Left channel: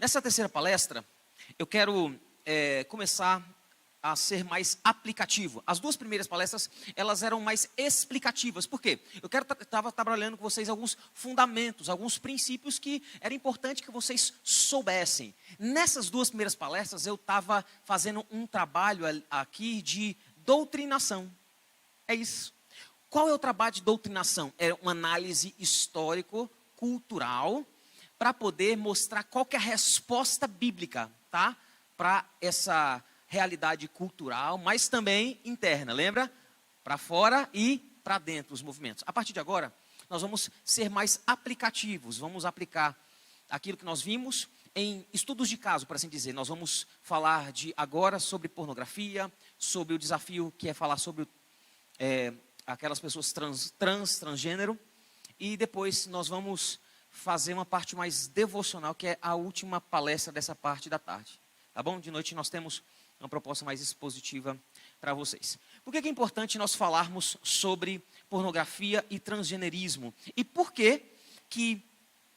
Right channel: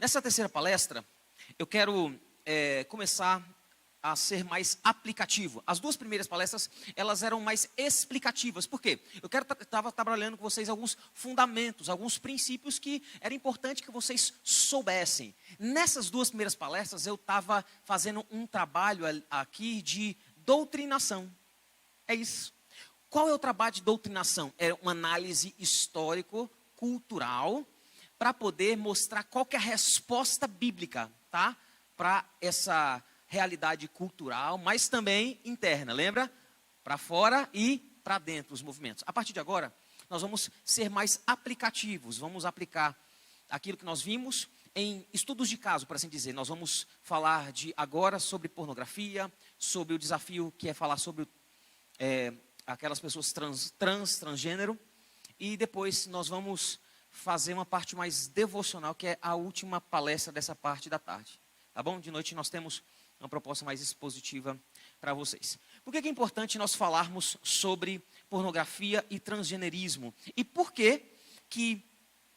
Nessa terceira palestra, eu quero começar a ser mais aplicativo. As duas primeiras palestras, elas eram mais explicativas. Por quê? Eu estava trabalhando com vocês alguns fundamentos, alguns princípios que era importante que vocês soubessem. Nessas duas primeiras palestras, eu estava fazendo um trabalho aqui de doutrinação. É isso. Qual é o trabalho de doutrinação? É uma análise histórico-cultural para poder mostrar qual que é a resposta bíblica, tá? Para essa realidade cultural, mas também interna, lembra? Para fora e para dentro os movimentos. A partir de agora, nós vamos ser mais aplicativos, vamos aplicar aquilo que nós vimos em estudos de caso, por assim dizer. Nós vamos falar agora sobre pornografia, sobre o desafio que é falar sobre aquelas pessoas transgênero, e depois nós vamos fazer uma parte mais devocional, que é a última palestra dessa parte da tarde. Tá bom? De noite nós temos uma proposta mais expositiva para vocês. Por que é importante nós falarmos sobre pornografia e transgenerismo? E por que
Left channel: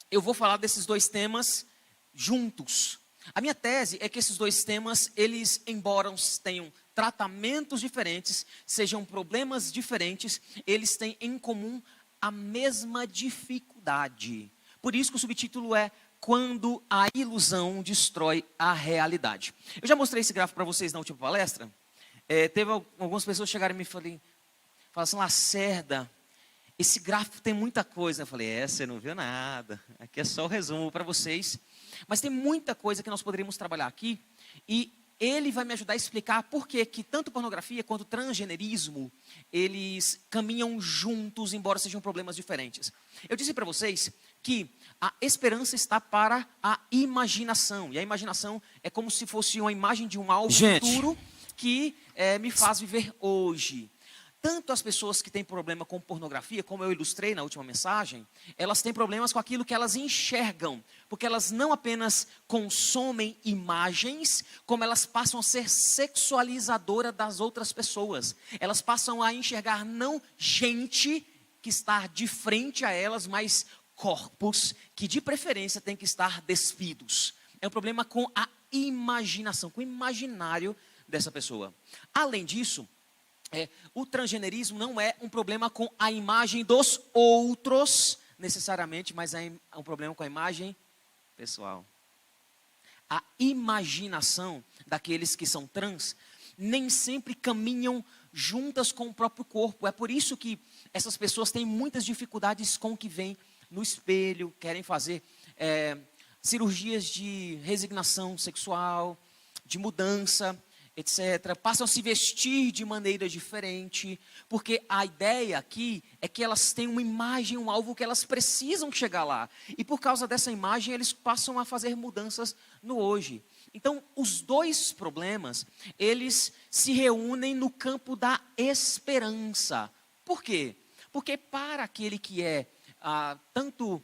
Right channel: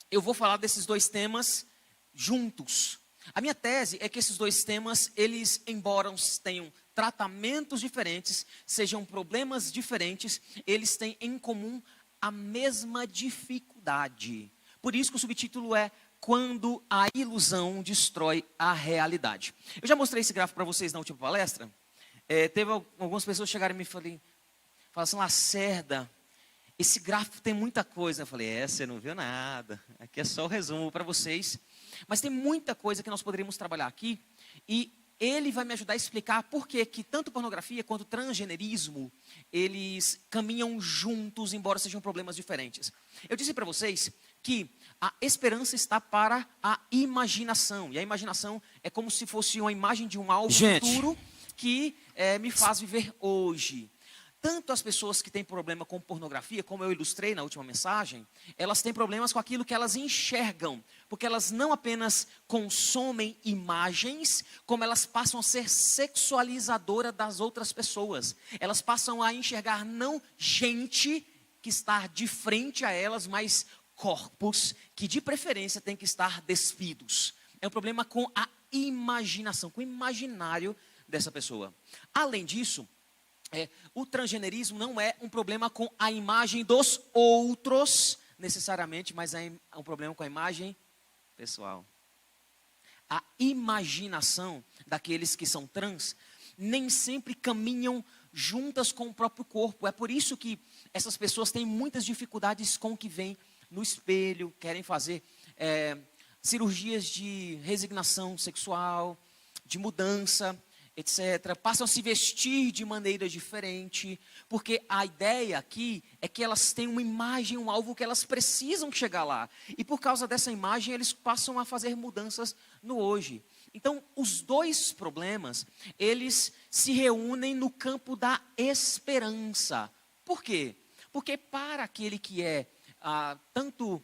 eu vou falar desses dois temas juntos? A minha tese é que esses dois temas, eles, embora tenham tratamentos diferentes, sejam problemas diferentes, eles têm em comum a mesma dificuldade. Por isso que o subtítulo é Quando a ilusão destrói a realidade. Eu já mostrei esse gráfico para vocês na última palestra. Teve algumas pessoas que chegaram e me falaram assim, Lacerda, esse gráfico tem muita coisa. Eu falei, você não viu nada. Aqui é só o resumo para vocês. Mas tem muita coisa que nós poderíamos trabalhar aqui. E ele vai me ajudar a explicar por que tanto pornografia quanto transgenerismo, eles caminham juntos, embora sejam problemas diferentes. Eu disse para vocês que a esperança está para a imaginação. E a imaginação é como se fosse uma imagem de um algo futuro que me faz viver hoje. Tanto as pessoas que têm problema com pornografia, como eu ilustrei na última mensagem, elas têm problemas com aquilo que elas enxergam. Porque elas não apenas consomem imagens, como elas passam a ser sexualizadoras das outras pessoas. Elas passam a enxergar não gente que está de frente a elas, mas corpos que de preferência têm que estar despidos. É um problema com a imaginação, com o imaginário dessa pessoa. Além disso, o transgenerismo não é um problema com a imagem dos outros, necessariamente, mas é um problema com a imagem pessoal. A imaginação daqueles que são trans nem sempre caminham juntas com o próprio corpo. É por isso que essas pessoas têm muitas dificuldades com o que vem no espelho, querem fazer cirurgias de resignação sexual, de mudança, etc. Passam a se vestir de maneira diferente, porque a ideia aqui é que elas têm uma imagem, um alvo que elas precisam chegar lá. E por causa dessa imagem, eles passam a fazer mudanças no hoje. Então, os dois problemas, eles se reúnem no campo da esperança. Por quê? Porque para aquele que é tanto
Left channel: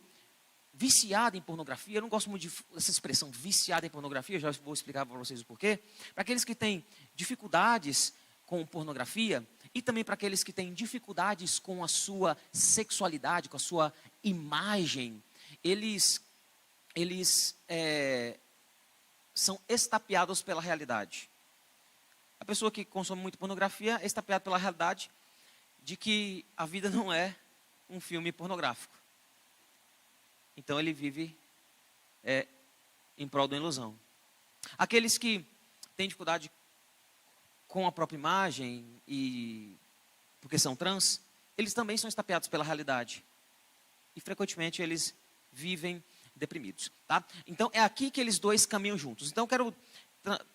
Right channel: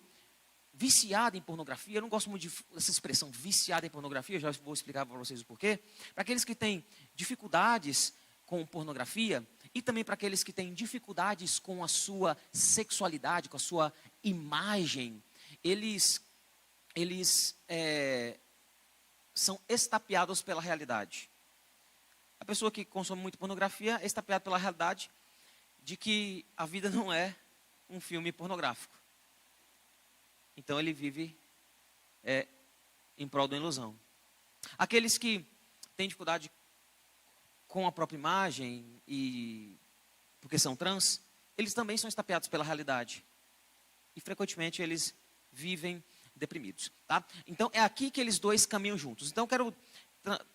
viciado em pornografia, eu não gosto muito dessa expressão, viciado em pornografia, já vou explicar para vocês o porquê. Para aqueles que têm dificuldades com pornografia, e também para aqueles que têm dificuldades com a sua sexualidade, com a sua imagem, eles são estapeados pela realidade. A pessoa que consome muito pornografia é estapeada pela realidade de que a vida não é um filme pornográfico. Então ele vive em prol da ilusão. Aqueles que têm dificuldade com a própria imagem, porque são trans, eles também são estapeados pela realidade. E frequentemente eles vivem deprimidos. Tá? Então é aqui que eles dois caminham juntos. Então eu quero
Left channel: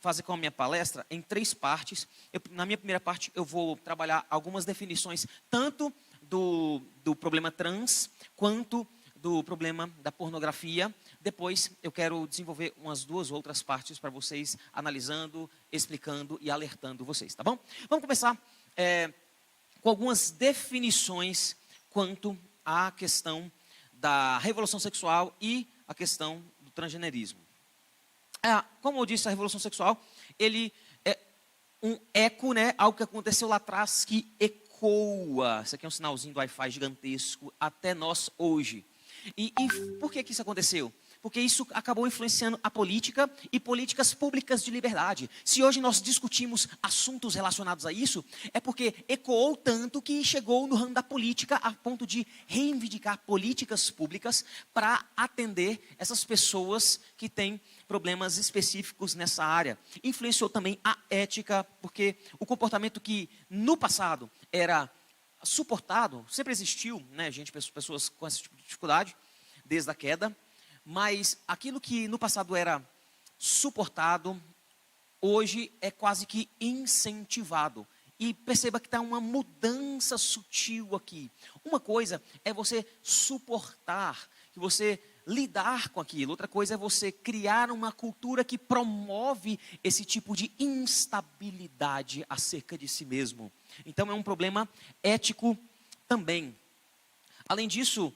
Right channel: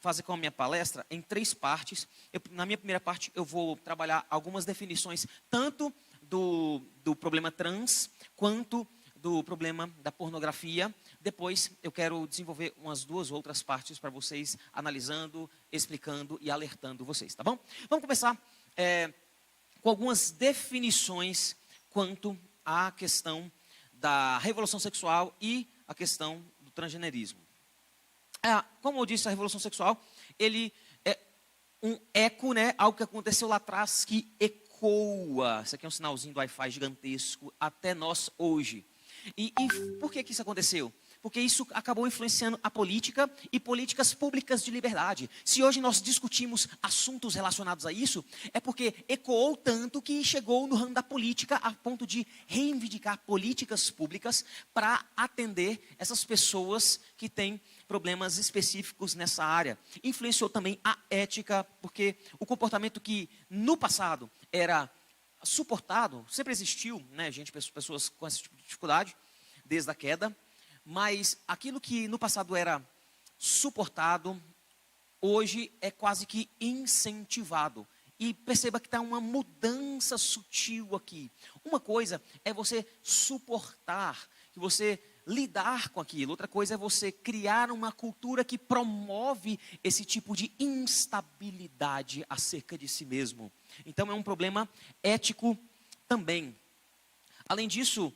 fazer com a minha palestra em 3 partes. Na minha primeira parte eu vou trabalhar algumas definições, tanto do problema trans, quanto do problema da pornografia. Depois eu quero desenvolver umas 2 outras partes para vocês, analisando, explicando e alertando vocês, tá bom? Vamos começar com algumas definições quanto à questão da revolução sexual e a questão do transgenerismo. Como eu disse, a revolução sexual, ele é um eco, né? Algo que aconteceu lá atrás que ecoa. Isso aqui é um sinalzinho do Wi-Fi gigantesco até nós hoje. E por que isso aconteceu? Porque isso acabou influenciando a política e políticas públicas de liberdade. Se hoje nós discutimos assuntos relacionados a isso, é porque ecoou tanto que chegou no ramo da política a ponto de reivindicar políticas públicas para atender essas pessoas que têm problemas específicos nessa área. Influenciou também a ética, porque o comportamento que no passado era suportado, sempre existiu, né, gente, pessoas com esse tipo de dificuldade, desde a queda, mas aquilo que no passado era suportado, hoje é quase que incentivado. E perceba que está uma mudança sutil aqui. Uma coisa é você suportar, que você lidar com aquilo. Outra coisa é você criar uma cultura que promove esse tipo de instabilidade acerca de si mesmo. Então é um problema ético também. Além disso,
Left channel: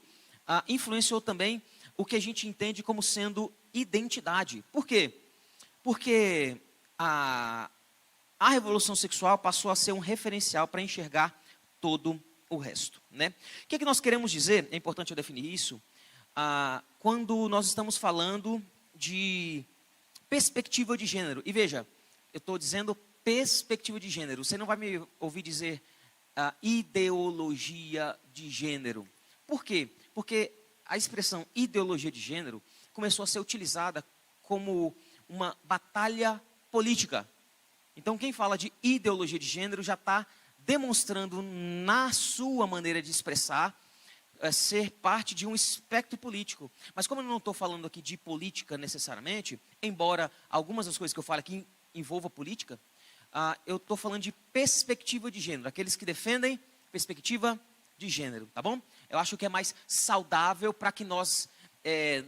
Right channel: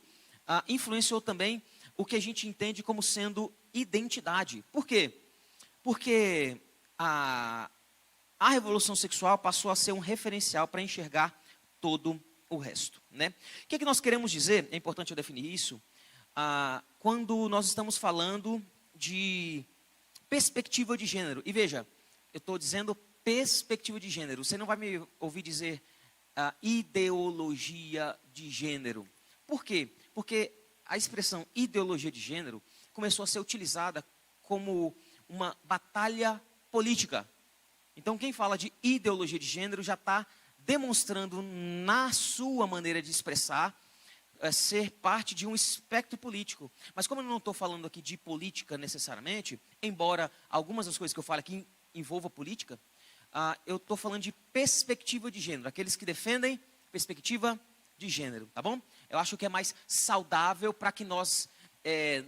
influenciou também o que a gente entende como sendo identidade. Por quê? Porque a revolução sexual passou a ser um referencial para enxergar todo o resto, né? O que é que nós queremos dizer? É importante eu definir isso. Quando nós estamos falando de perspectiva de gênero. E veja, eu estou dizendo perspectiva de gênero. Você não vai me ouvir dizer ideologia de gênero. Por quê? Porque a expressão ideologia de gênero começou a ser utilizada como uma batalha política. Então, quem fala de ideologia de gênero já está demonstrando na sua maneira de expressar ser parte de um espectro político. Mas como eu não estou falando aqui de política necessariamente, embora algumas das coisas que eu falo aqui envolvam política, eu estou falando de perspectiva de gênero, aqueles que defendem perspectiva de gênero, tá bom? Eu acho que é mais saudável para que nós,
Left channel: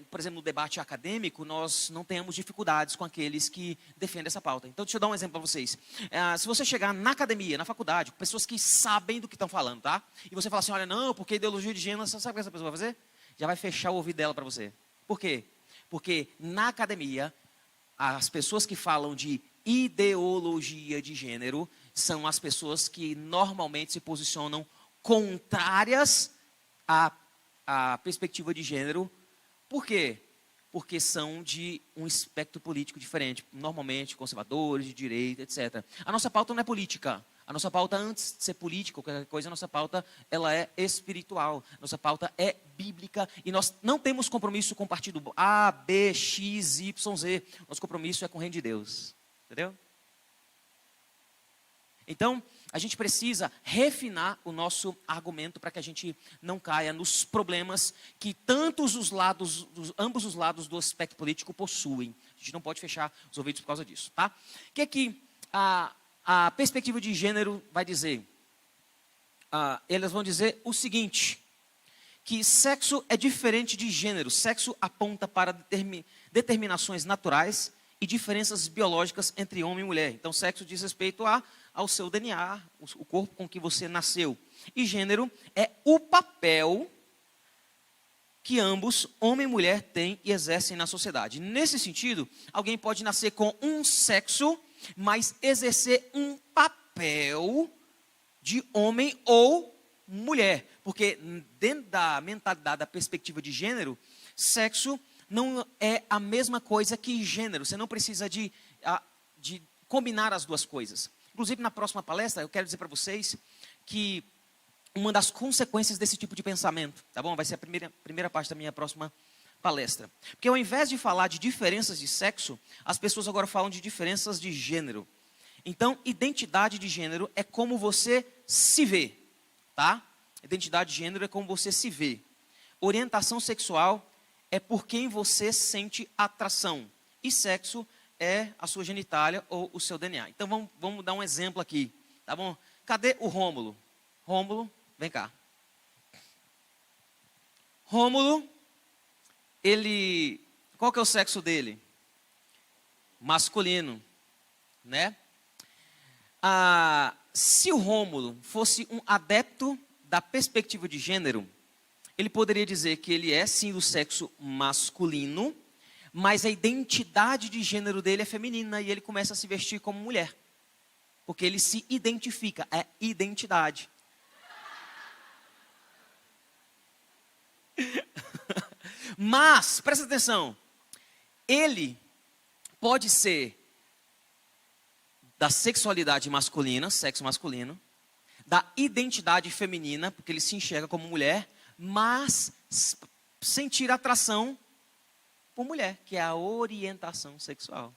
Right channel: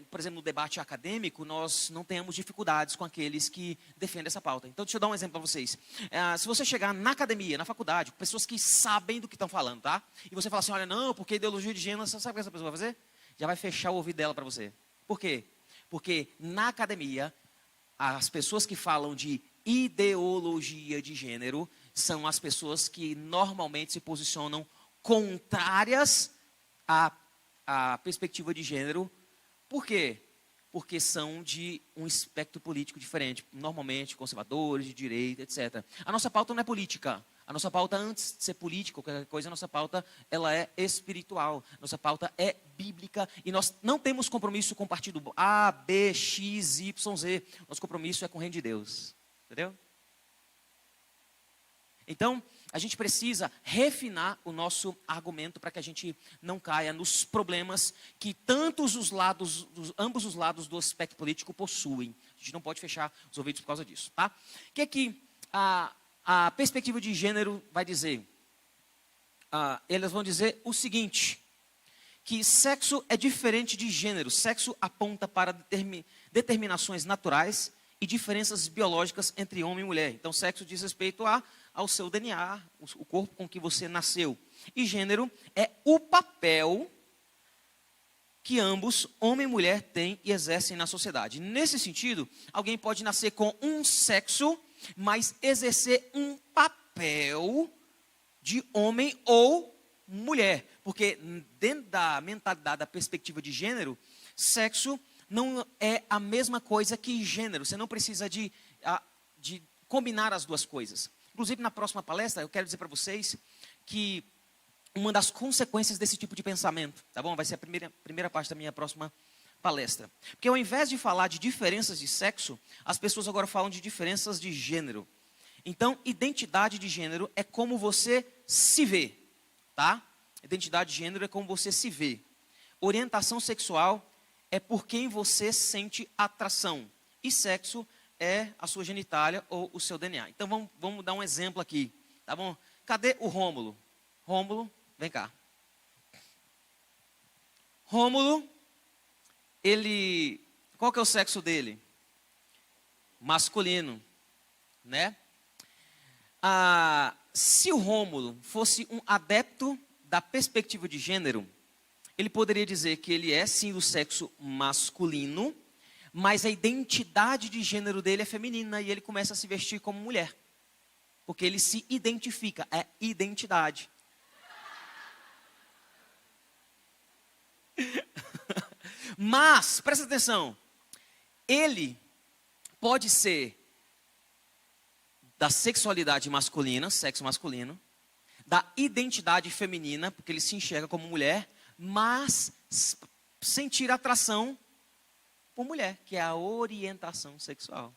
por exemplo, no debate acadêmico, nós não tenhamos dificuldades com aqueles que defendem essa pauta. Então, deixa eu dar um exemplo para vocês. Se você chegar na academia, na faculdade, com pessoas que sabem do que estão falando, tá? E você falar assim, olha, não, porque ideologia de gênero, você sabe o que essa pessoa vai fazer? Já vai fechar o ouvido dela para você. Por quê? Porque na academia, as pessoas que falam de ideologia de gênero são as pessoas que normalmente se posicionam contrárias à perspectiva de gênero. Por quê? Porque são de um espectro político diferente, normalmente conservadores, de direita, etc. A nossa pauta não é política. A nossa pauta, antes de ser política, qualquer coisa, a nossa pauta ela é espiritual. Nossa pauta é bíblica e nós não temos compromisso com o partido A, B, X, Y, Z. Nosso compromisso é com o reino de Deus. Entendeu? Então, a gente precisa refinar o nosso argumento para que a gente não caia nos problemas que ambos os lados do aspecto político possuem. A gente não pode fechar os ouvidos por causa disso, tá? O que é que a perspectiva de gênero vai dizer? Eles vão dizer o seguinte, que sexo é diferente de gênero. Sexo aponta para determinações naturais e diferenças biológicas entre homem e mulher. Então, sexo diz respeito ao seu DNA, o corpo com que você nasceu. E gênero é o papel que ambos, homem e mulher, têm e exercem na sociedade. Nesse sentido, alguém pode nascer com um sexo, mas exercer um papel de homem ou mulher. Porque dentro da mentalidade, da perspectiva de gênero, sexo não é a mesma coisa que gênero. Você não precisa de combinar as duas coisas. Inclusive, na próxima palestra, eu quero dizer para vocês que uma das consequências desse tipo de pensamento, tá bom? Vai ser a primeira parte da minha próxima palestra. Porque ao invés de falar de diferenças de sexo, as pessoas agora falam de diferenças de gênero. Então, identidade de gênero é como você se vê, tá? Identidade de gênero é como você se vê. Orientação sexual é por quem você sente atração. E sexo é a sua genitália ou o seu DNA. Então, vamos dar um exemplo aqui, tá bom? Cadê o Rômulo? Rômulo, vem cá. Rômulo, qual que é o sexo dele? Masculino, né? Se o Rômulo fosse um adepto da perspectiva de gênero, ele poderia dizer que ele é sim do sexo masculino, mas a identidade de gênero dele é feminina e ele começa a se vestir como mulher. Porque ele se identifica, é identidade. Mas, presta atenção, ele pode ser da sexualidade masculina, sexo masculino, da identidade feminina, porque ele se enxerga como mulher, mas sentir atração por mulher, que é a orientação sexual.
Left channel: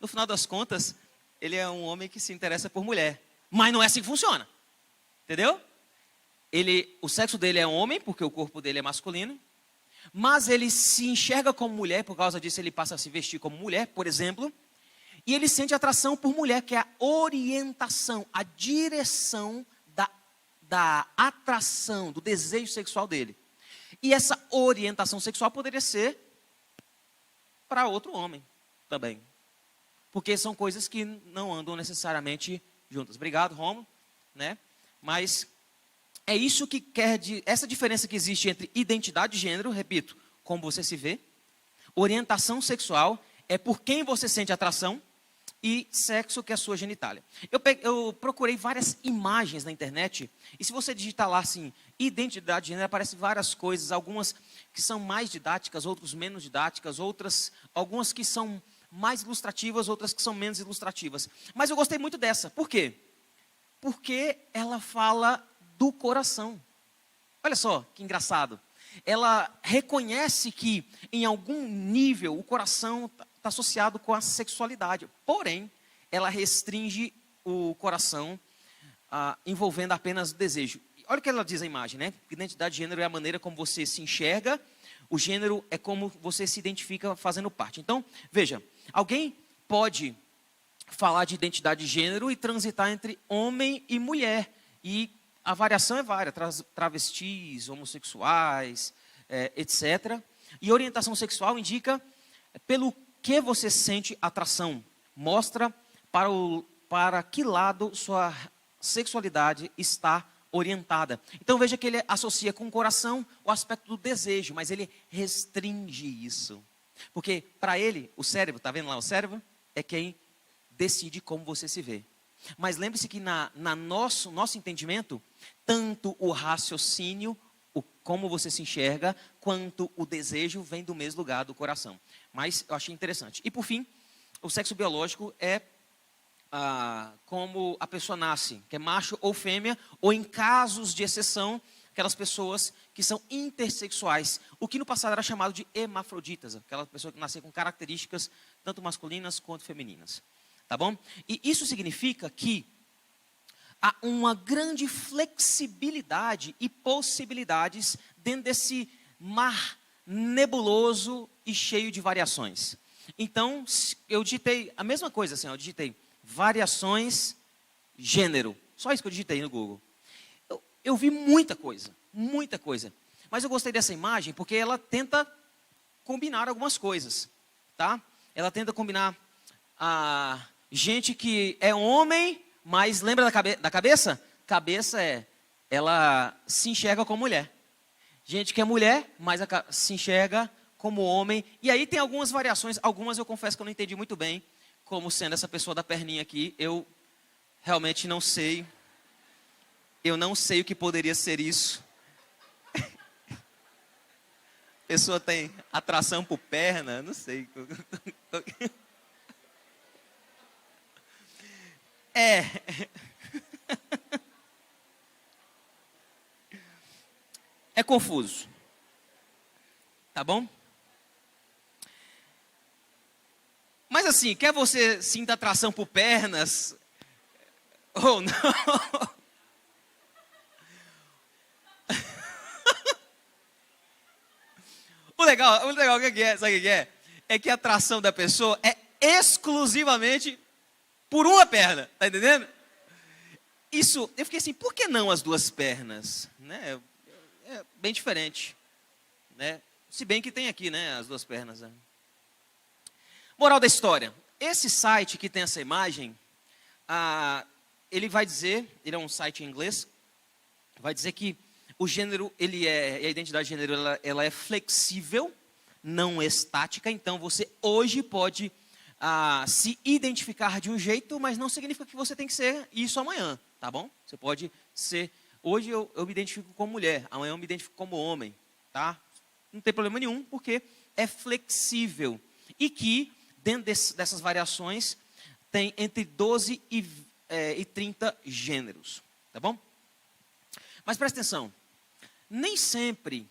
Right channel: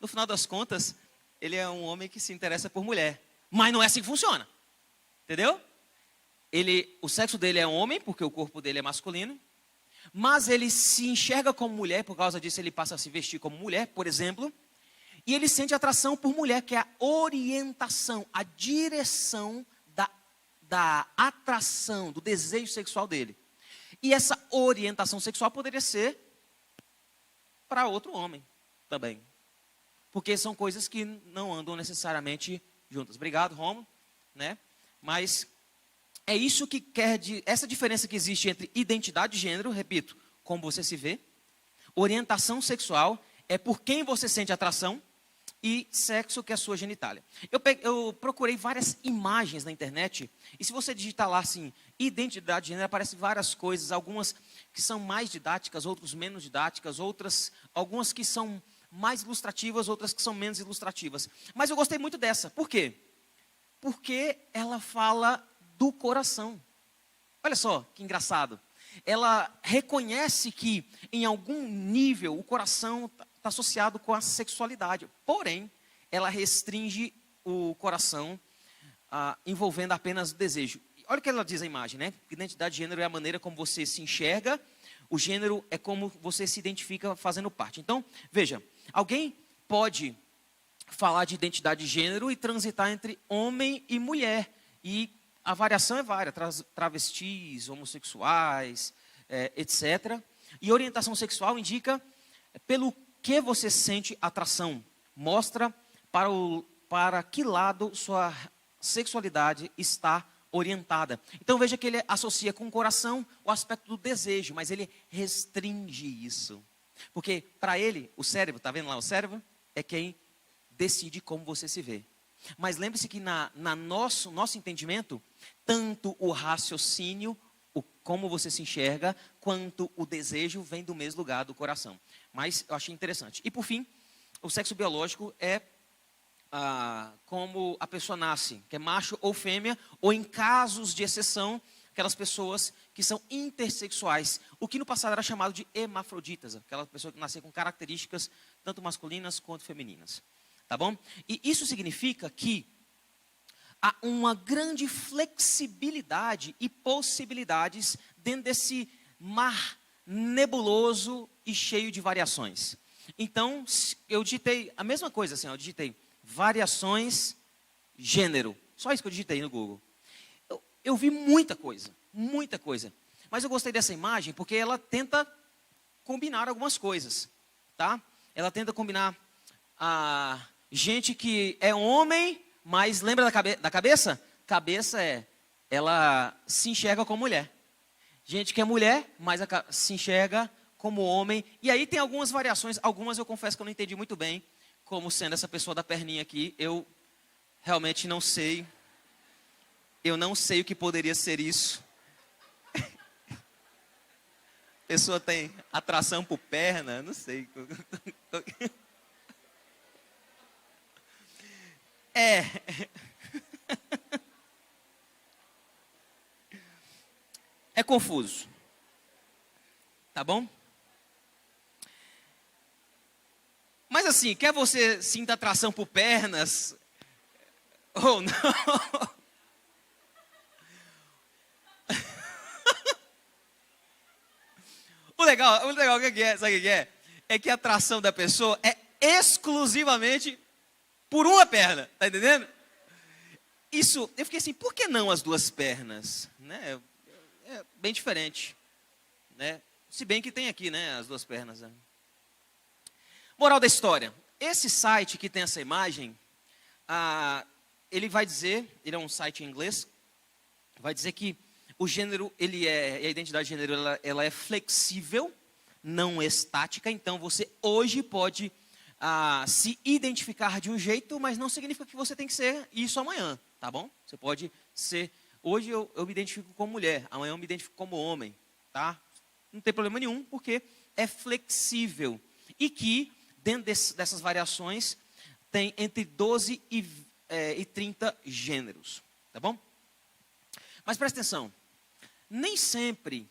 No final das contas, ele é um homem que se interessa por mulher, mas não é assim que funciona, entendeu? O sexo dele é homem, porque o corpo dele é masculino, mas ele se enxerga como mulher, por causa disso ele passa a se vestir como mulher, por exemplo, e ele sente atração por mulher, que é a orientação, a direção da atração, do desejo sexual dele. E essa orientação sexual poderia ser para outro homem também. Porque são coisas que não andam necessariamente juntas. Obrigado, Romulo, né? Mas é isso que essa diferença que existe entre identidade de gênero, repito, como você se vê, orientação sexual é por quem você sente atração, e sexo, que é a sua genitália. Eu procurei várias imagens na internet, e se você digitar lá assim, identidade de gênero, aparecem várias coisas, algumas que são mais didáticas, outras menos didáticas, algumas que são mais ilustrativas, outras que são menos ilustrativas. Mas eu gostei muito dessa. Por quê? Porque ela fala do coração. Olha só, que engraçado. Ela reconhece que, em algum nível, o coração está associado com a sexualidade. Porém, ela restringe o coração, envolvendo apenas o desejo. Olha o que ela diz na imagem, né? Identidade de gênero é a maneira como você se enxerga. O gênero é como você se identifica fazendo parte. Então, veja, alguém pode falar de identidade de gênero e transitar entre homem e mulher. E a variação é várias, travestis, homossexuais, etc. E orientação sexual indica pelo que você sente atração. Mostra para que lado sua sexualidade está orientada. Então veja que ele associa com o coração o aspecto do desejo, mas ele restringe isso. Porque para ele, o cérebro, está vendo lá o cérebro? É quem decide como você se vê. Mas lembre-se que nosso entendimento, tanto o raciocínio, como você se enxerga, quanto o desejo vem do mesmo lugar do coração. Mas eu achei interessante. E por fim, o sexo biológico é como a pessoa nasce, que é macho ou fêmea, ou em casos de exceção, aquelas pessoas que são intersexuais, o que no passado era chamado de hermafroditas, aquela pessoa que nasceu com características tanto masculinas quanto femininas. Tá bom? E isso significa que há uma grande flexibilidade e possibilidades dentro desse mar nebuloso e cheio de variações. Então, eu digitei a mesma coisa, assim, eu digitei variações, gênero. Só isso que eu digitei no Google. Eu vi muita coisa. Mas eu gostei dessa imagem porque ela tenta combinar algumas coisas, tá? Ela tenta combinar a gente que é homem, mas lembra da cabeça? Cabeça ela se enxerga como mulher. Gente que é mulher, mas se enxerga como homem. E aí tem algumas variações, algumas eu confesso que eu não entendi muito bem, como sendo essa pessoa da perninha aqui. Eu realmente não sei. Eu não sei o que poderia ser isso. A pessoa tem atração por perna, não sei. É confuso. Tá bom? Mas assim, quer você sinta atração por pernas ou não? O legal que é, sabe o que é? É que a atração da pessoa é exclusivamente por uma perna, tá entendendo? Isso, eu fiquei assim, por que não as duas pernas? Né? É bem diferente, né? Se bem que tem aqui, né, as duas pernas. Né? Moral da história, esse site que tem essa imagem, ele vai dizer, ele é um site em inglês, vai dizer que o gênero, a identidade de gênero, ela é flexível, não estática, então você hoje pode se identificar de um jeito, mas não significa que você tem que ser isso amanhã, tá bom? Você pode ser, hoje eu me identifico como mulher, amanhã eu me identifico como homem, tá? Não tem problema nenhum, porque é flexível e que, dentro dessas variações, tem entre 12 e 30 gêneros, tá bom? Mas presta atenção, nem sempre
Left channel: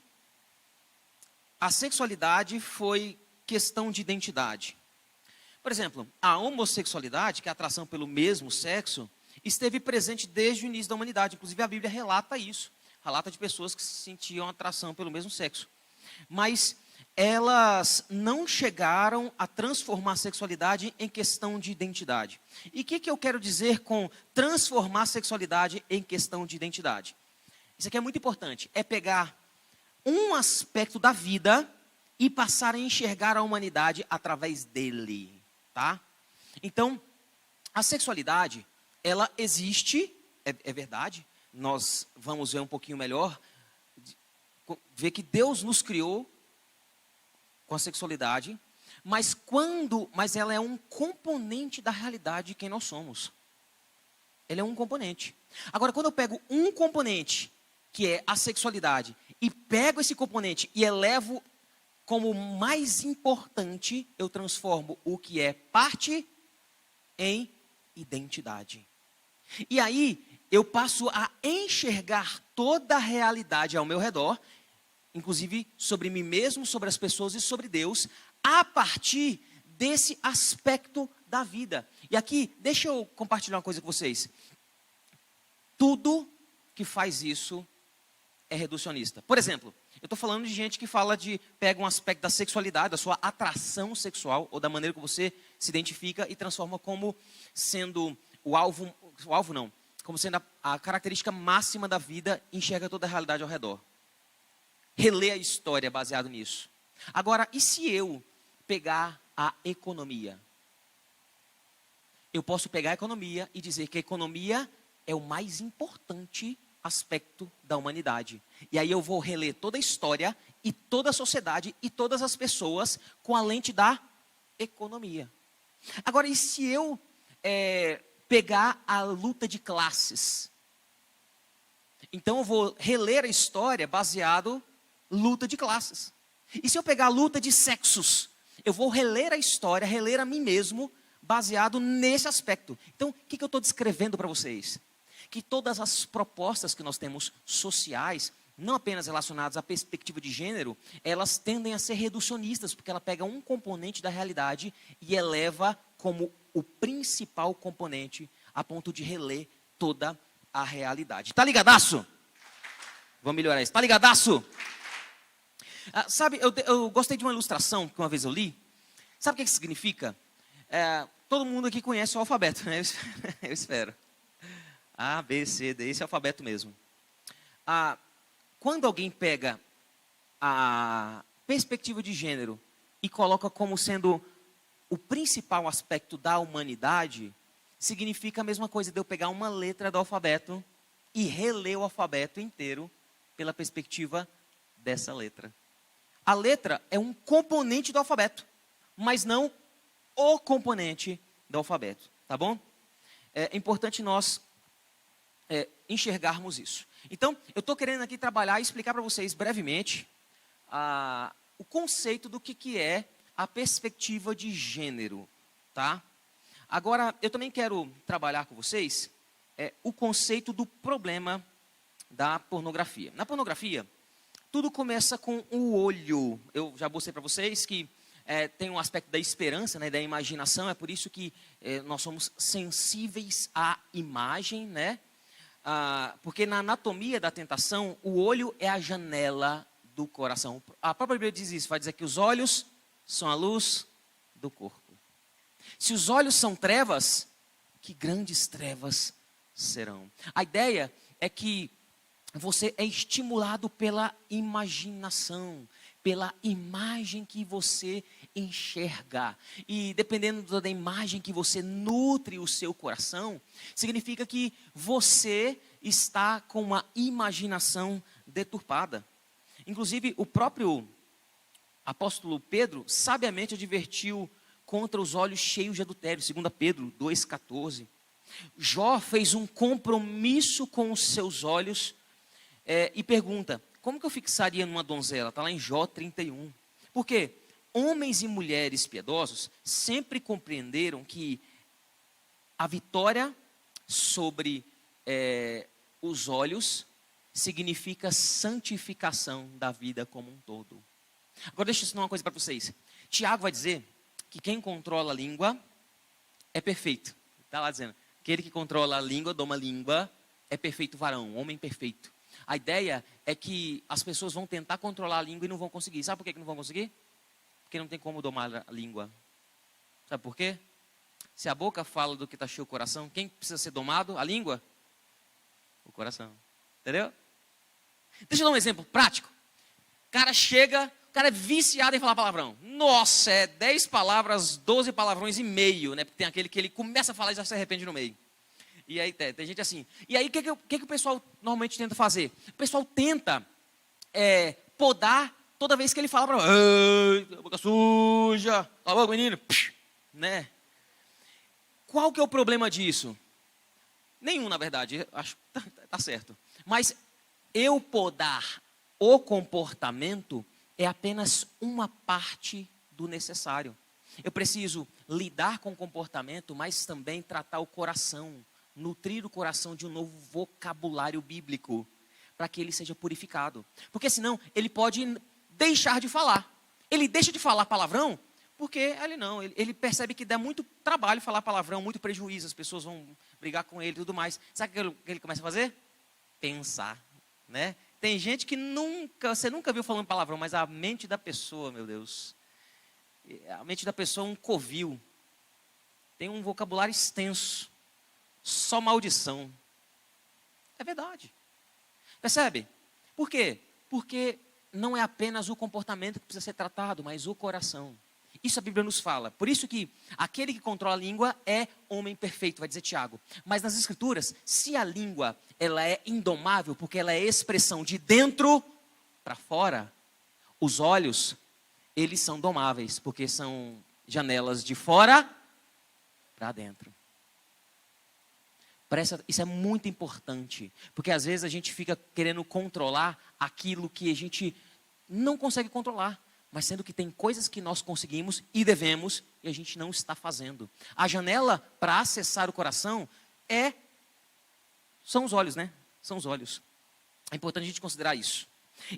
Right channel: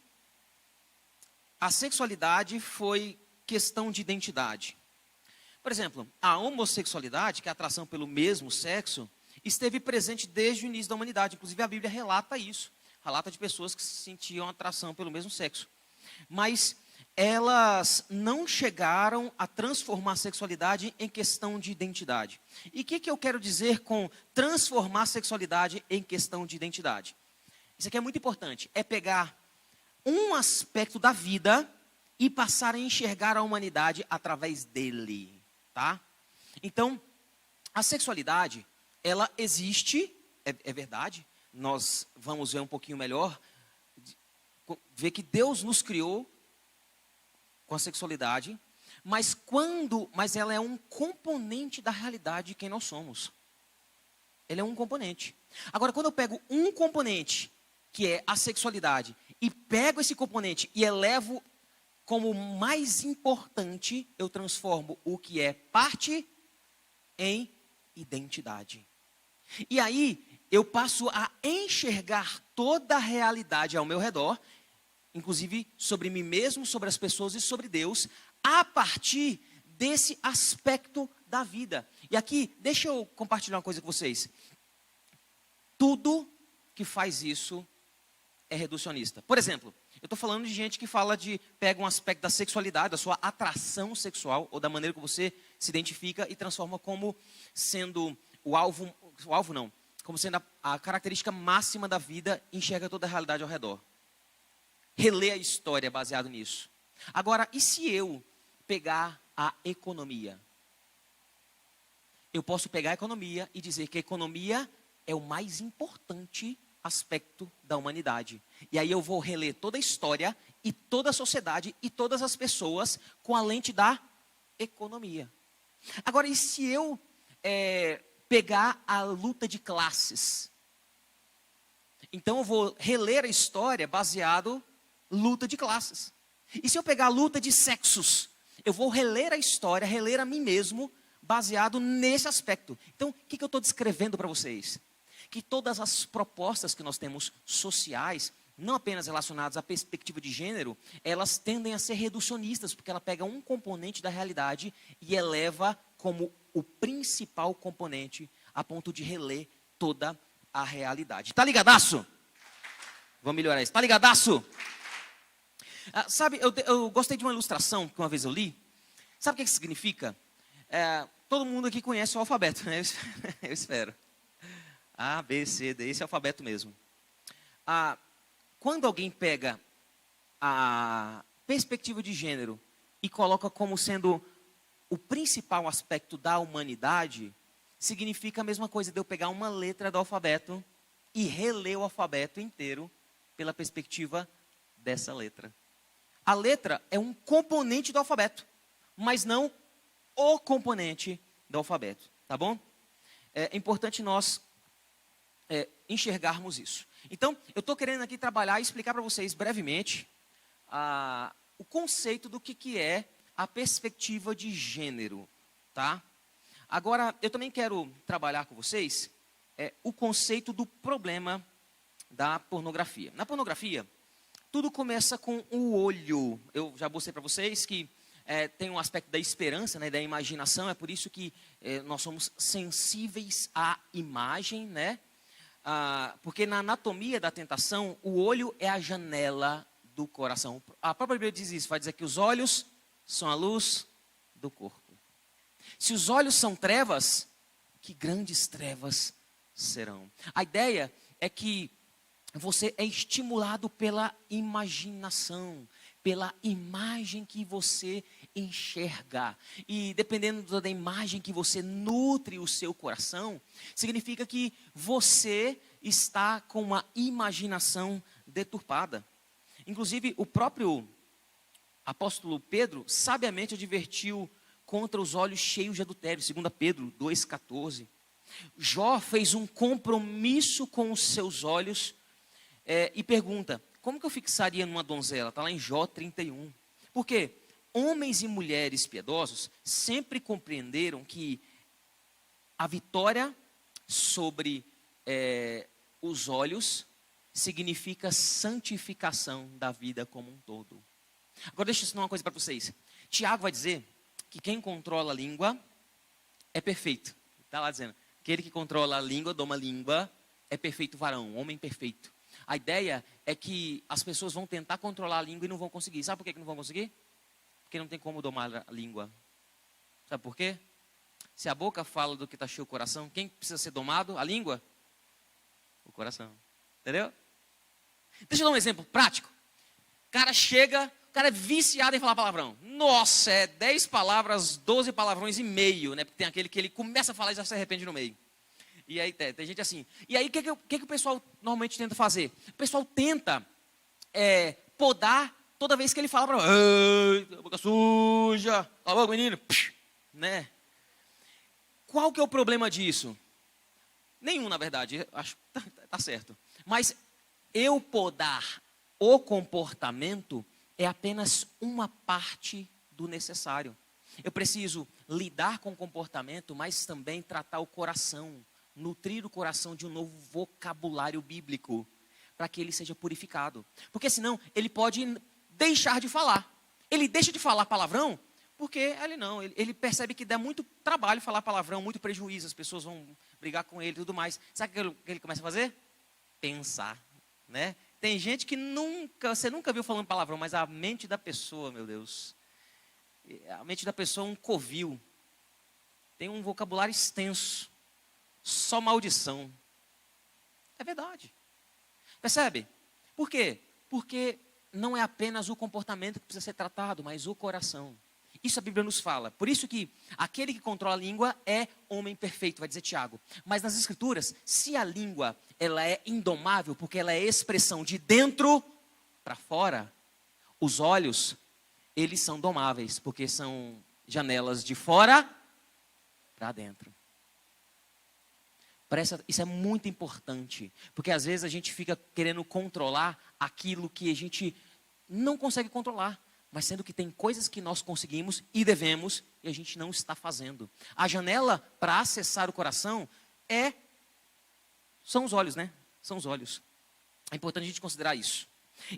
a sexualidade foi questão de identidade. Por exemplo, a homossexualidade, que é a atração pelo mesmo sexo, esteve presente desde o início da humanidade. Inclusive a Bíblia relata isso, relata de pessoas que sentiam atração pelo mesmo sexo. Mas elas não chegaram a transformar a sexualidade em questão de identidade. E o que eu quero dizer com transformar a sexualidade em questão de identidade? Isso aqui é muito importante, é pegar um aspecto da vida e passar a enxergar a humanidade através dele, tá? Então, a sexualidade, ela existe, é verdade, nós vamos ver um pouquinho melhor, ver que Deus nos criou com a sexualidade, mas ela é um componente da realidade de quem nós somos. Ele é um componente. Agora, quando eu pego um componente, que é a sexualidade, e pego esse componente e elevo como mais importante, eu transformo o que é parte em identidade. E aí, eu passo a enxergar toda a realidade ao meu redor, inclusive sobre mim mesmo, sobre as pessoas e sobre Deus, a partir desse aspecto da vida. E aqui, deixa eu compartilhar uma coisa com vocês. Tudo que faz isso é reducionista. Por exemplo, eu estou falando de gente que pega um aspecto da sexualidade, da sua atração sexual, ou da maneira que você se identifica e transforma como sendo como sendo a característica máxima da vida, enxerga toda a realidade ao redor. Relê a história baseado nisso. Agora, e se eu pegar a economia? Eu posso pegar a economia e dizer que a economia é o mais importante aspecto da humanidade. E aí eu vou reler toda a história e toda a sociedade e todas as pessoas com a lente da economia. Agora, e se eu pegar a luta de classes? Então eu vou reler a história baseado luta de classes. E se eu pegar a luta de sexos? Eu vou reler a história, reler a mim mesmo, baseado nesse aspecto. Então, o que eu estou descrevendo para vocês? Que todas as propostas que nós temos sociais, não apenas relacionadas à perspectiva de gênero, elas tendem a ser reducionistas, porque ela pega um componente da realidade e eleva como o principal componente, a ponto de reler toda a realidade. Tá ligadaço? Vamos melhorar isso. Tá ligadaço? Sabe, eu gostei de uma ilustração que uma vez eu li. Sabe o que significa? Todo mundo aqui conhece o alfabeto, né? Eu espero. A, B, C, D, esse é o alfabeto mesmo. Quando alguém pega a perspectiva de gênero e coloca como sendo o principal aspecto da humanidade, significa a mesma coisa de eu pegar uma letra do alfabeto e reler o alfabeto inteiro pela perspectiva dessa letra. A letra é um componente do alfabeto, mas não o componente do alfabeto, tá bom? É importante nós enxergarmos isso. Então, eu estou querendo aqui trabalhar e explicar para vocês brevemente o conceito do que é a perspectiva de gênero, tá? Agora, eu também quero trabalhar com vocês o conceito do problema da pornografia. Na pornografia, tudo começa com o olho. Eu já mostrei para vocês que tem um aspecto da esperança, né, da imaginação, é por isso que nós somos sensíveis à imagem, né? Porque na anatomia da tentação, o olho é a janela do coração. A própria Bíblia diz isso, vai dizer que os olhos são a luz do corpo. Se os olhos são trevas, que grandes trevas serão. A ideia é que você é estimulado pela imaginação, pela imagem que você enxerga. E dependendo da imagem que você nutre o seu coração, significa que você está com uma imaginação deturpada. Inclusive, o próprio apóstolo Pedro sabiamente advertiu contra os olhos cheios de adultério, 2 Pedro 2,14. Jó fez um compromisso com os seus olhos e pergunta, como que eu fixaria numa donzela? Está lá em Jó 31. Por quê? homens e mulheres piedosos sempre compreenderam que a vitória sobre os olhos significa santificação da vida como um todo. Agora deixa eu ensinar uma coisa para vocês. Tiago vai dizer que quem controla a língua é perfeito. Está lá dizendo, aquele que controla a língua, doma a língua, é perfeito varão, homem perfeito. A ideia é que as pessoas vão tentar controlar a língua e não vão conseguir. Sabe por que não vão conseguir? Porque não tem como domar a língua. Sabe por quê? Se a boca fala do que está cheio o coração, quem precisa ser domado? A língua? O coração. Entendeu? Deixa eu dar um exemplo prático. O cara é viciado em falar palavrão. Nossa, 10 palavras, 12 palavrões e meio, né? Porque tem aquele que ele começa a falar e já se arrepende no meio. E aí tem gente assim. E aí o que o pessoal normalmente tenta fazer? O pessoal tenta podar toda vez que ele fala para boca suja, cala a boca, menino, né? Qual que é o problema disso? Nenhum, na verdade, acho que tá certo. Mas eu podar o comportamento é apenas uma parte do necessário. Eu preciso lidar com o comportamento, mas também tratar o coração, nutrir o coração de um novo vocabulário bíblico, para que ele seja purificado. Porque senão ele pode deixar de falar. Ele deixa de falar palavrão, porque ele percebe que dá muito trabalho falar palavrão, muito prejuízo, as pessoas vão brigar com ele e tudo mais. Sabe o que ele começa a fazer? Pensar, né? Tem gente que você nunca viu falando palavrão, mas a mente da pessoa, meu Deus, a mente da pessoa é um covil, tem um vocabulário extenso, só maldição. É verdade. Percebe? Por quê? Porque não é apenas o comportamento que precisa ser tratado, mas o coração. Isso a Bíblia nos fala. Por isso que aquele que controla a língua é homem perfeito, vai dizer Tiago. Mas nas Escrituras, se a língua ela é indomável, porque ela é expressão de dentro para fora, os olhos, eles são domáveis, porque são janelas de fora para dentro. Isso é muito importante, porque às vezes a gente fica querendo controlar aquilo que a gente não consegue controlar. Mas sendo que tem coisas que nós conseguimos e devemos, e a gente não está fazendo. A janela para acessar o coração são os olhos, né? São os olhos. É importante a gente considerar isso.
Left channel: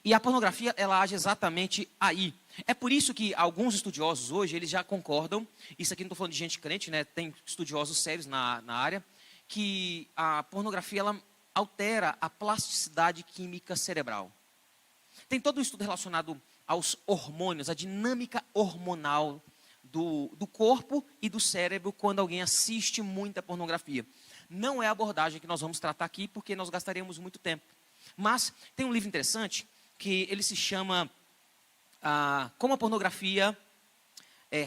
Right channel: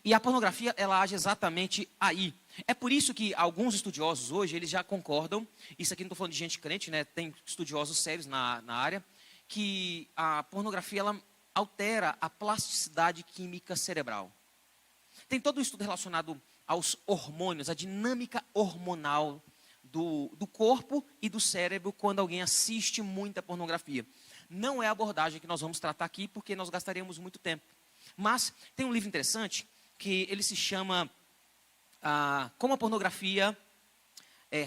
E a pornografia, ela age exatamente aí. É por isso que alguns estudiosos hoje, eles já concordam, isso aqui não estou falando de gente crente, né? Tem estudiosos sérios na área, que a pornografia, ela altera a plasticidade química cerebral. Tem todo um estudo relacionado aos hormônios, a dinâmica hormonal do corpo e do cérebro quando alguém assiste muita pornografia. Não é a abordagem que nós vamos tratar aqui, porque nós gastaríamos muito tempo. Mas tem um livro interessante, que ele se chama Como a Pornografia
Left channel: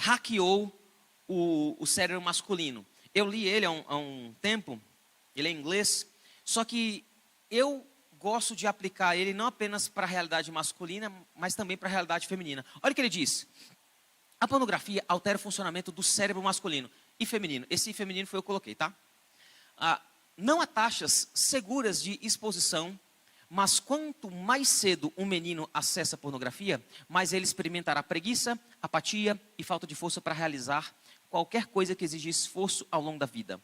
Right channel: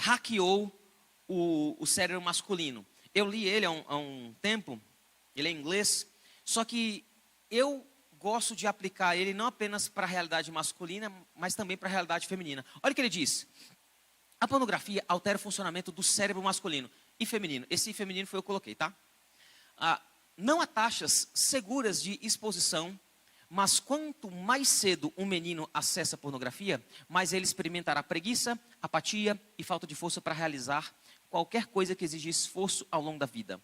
Hackeou o Cérebro Masculino. Eu li ele há um tempo, ele é em inglês, só que eu gosto de aplicar ele não apenas para a realidade masculina, mas também para a realidade feminina. Olha o que ele diz. A pornografia altera o funcionamento do cérebro masculino e feminino. Esse feminino foi eu que coloquei, tá? Não há taxas seguras de exposição, mas quanto mais cedo um menino acessa a pornografia, mais ele experimentará preguiça, apatia e falta de força para realizar qualquer coisa que exija esforço ao longo da vida.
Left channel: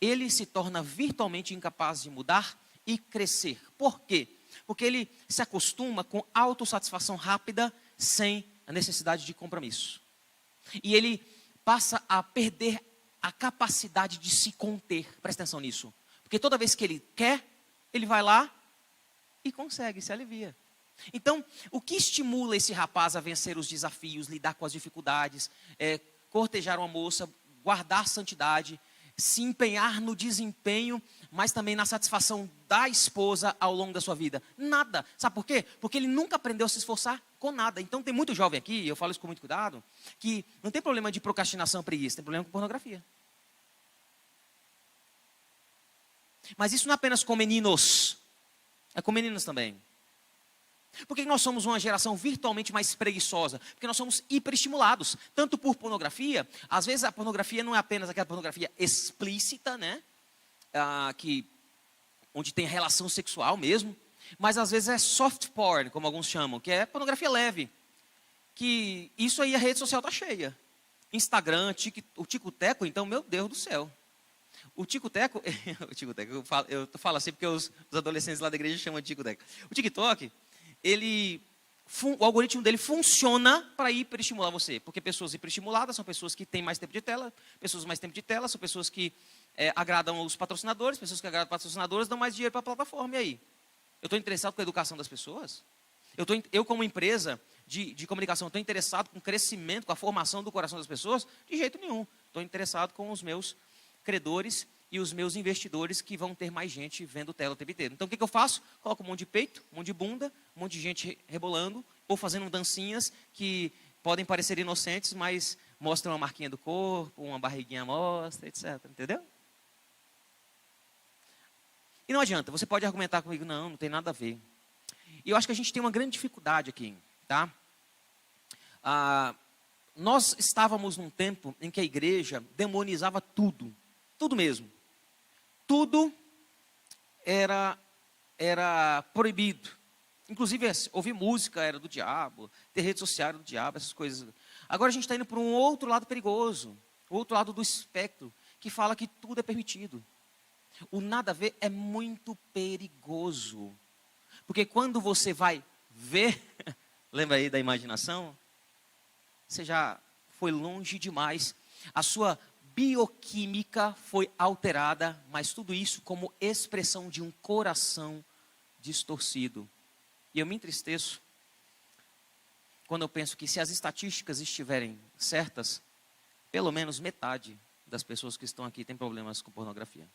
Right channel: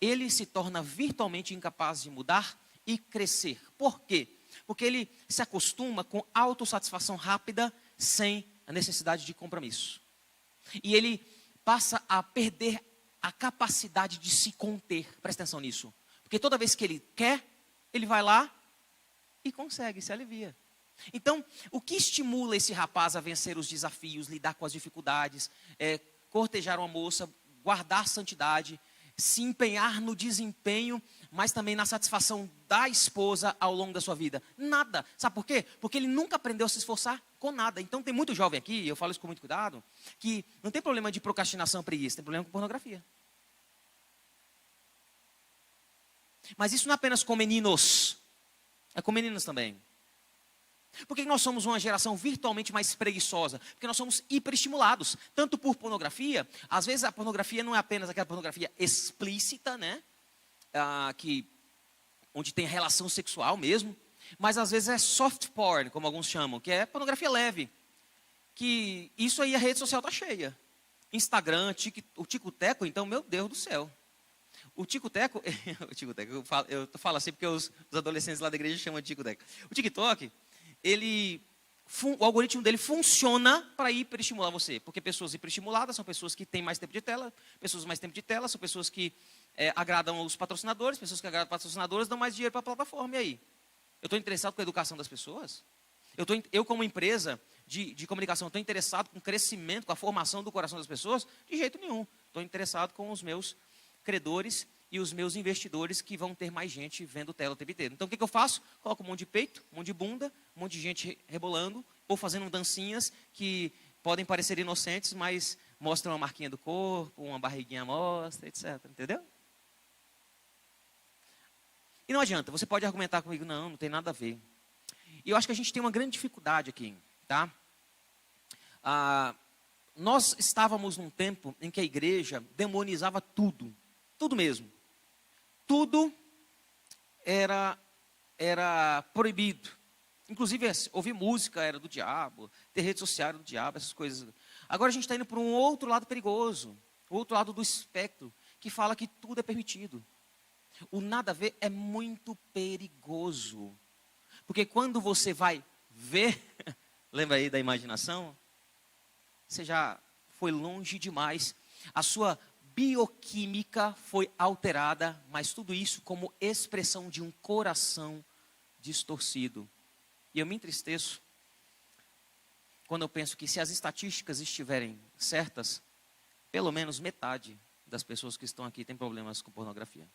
Ele se torna virtualmente incapaz de mudar e crescer. Por quê? Porque ele se acostuma com autossatisfação rápida, sem a necessidade de compromisso. E ele passa a perder a capacidade de se conter. Presta atenção nisso. Porque toda vez que ele quer, ele vai lá e consegue, se alivia. Então, o que estimula esse rapaz a vencer os desafios, lidar com as dificuldades, cortejar uma moça, guardar santidade, se empenhar no desempenho, mas também na satisfação da esposa ao longo da sua vida? Nada. Sabe por quê? Porque ele nunca aprendeu a se esforçar com nada. Então tem muito jovem aqui, eu falo isso com muito cuidado, que não tem problema de procrastinação, preguiça, tem problema com pornografia. Mas isso não é apenas com meninos, é com meninas também. Por que nós somos uma geração virtualmente mais preguiçosa? Porque nós somos hiperestimulados, tanto por pornografia. Às vezes a pornografia não é apenas aquela pornografia explícita, né? Onde tem relação sexual mesmo. Mas às vezes é soft porn, como alguns chamam, que é pornografia leve. que isso aí a rede social está cheia. Instagram, o Tico-Teco, então, meu Deus do céu. O Tico-Teco, eu falo assim porque os adolescentes lá da igreja chamam de Tico-Teco. O TikTok, o algoritmo dele funciona para hiperestimular você. Porque pessoas hiperestimuladas são pessoas que têm mais tempo de tela, pessoas com mais tempo de tela são pessoas que agradam os patrocinadores, pessoas que agradam os patrocinadores dão mais dinheiro para a plataforma. E aí? Eu estou interessado com a educação das pessoas? Eu como empresa de comunicação, estou interessado com o crescimento, com a formação do coração das pessoas? De jeito nenhum. Estou interessado com os meus credores e os meus investidores que vão ter mais gente vendo tela o tempo inteiro. Então, o que eu faço? Coloco um monte de peito, um monte de bunda, um monte de gente rebolando, ou fazendo dancinhas que podem parecer inocentes, mas mostram uma marquinha do corpo, uma barriguinha mostra, etc. Entendeu? E não adianta, você pode argumentar comigo, não tem nada a ver. E eu acho que a gente tem uma grande dificuldade aqui, tá? Nós estávamos num tempo em que a igreja demonizava tudo, tudo mesmo. Tudo era proibido. Inclusive, ouvir música era do diabo, ter rede social era do diabo, essas coisas. Agora a gente está indo para um outro lado perigoso, o outro lado do espectro, que fala que tudo é permitido. O nada a ver é muito perigoso. Porque quando você vai ver, lembra aí da imaginação? Você já foi longe demais. A sua bioquímica foi alterada, mas tudo isso como expressão de um coração distorcido. E eu me entristeço quando eu penso que se as estatísticas estiverem certas, pelo menos metade das pessoas que estão aqui tem problemas com pornografia.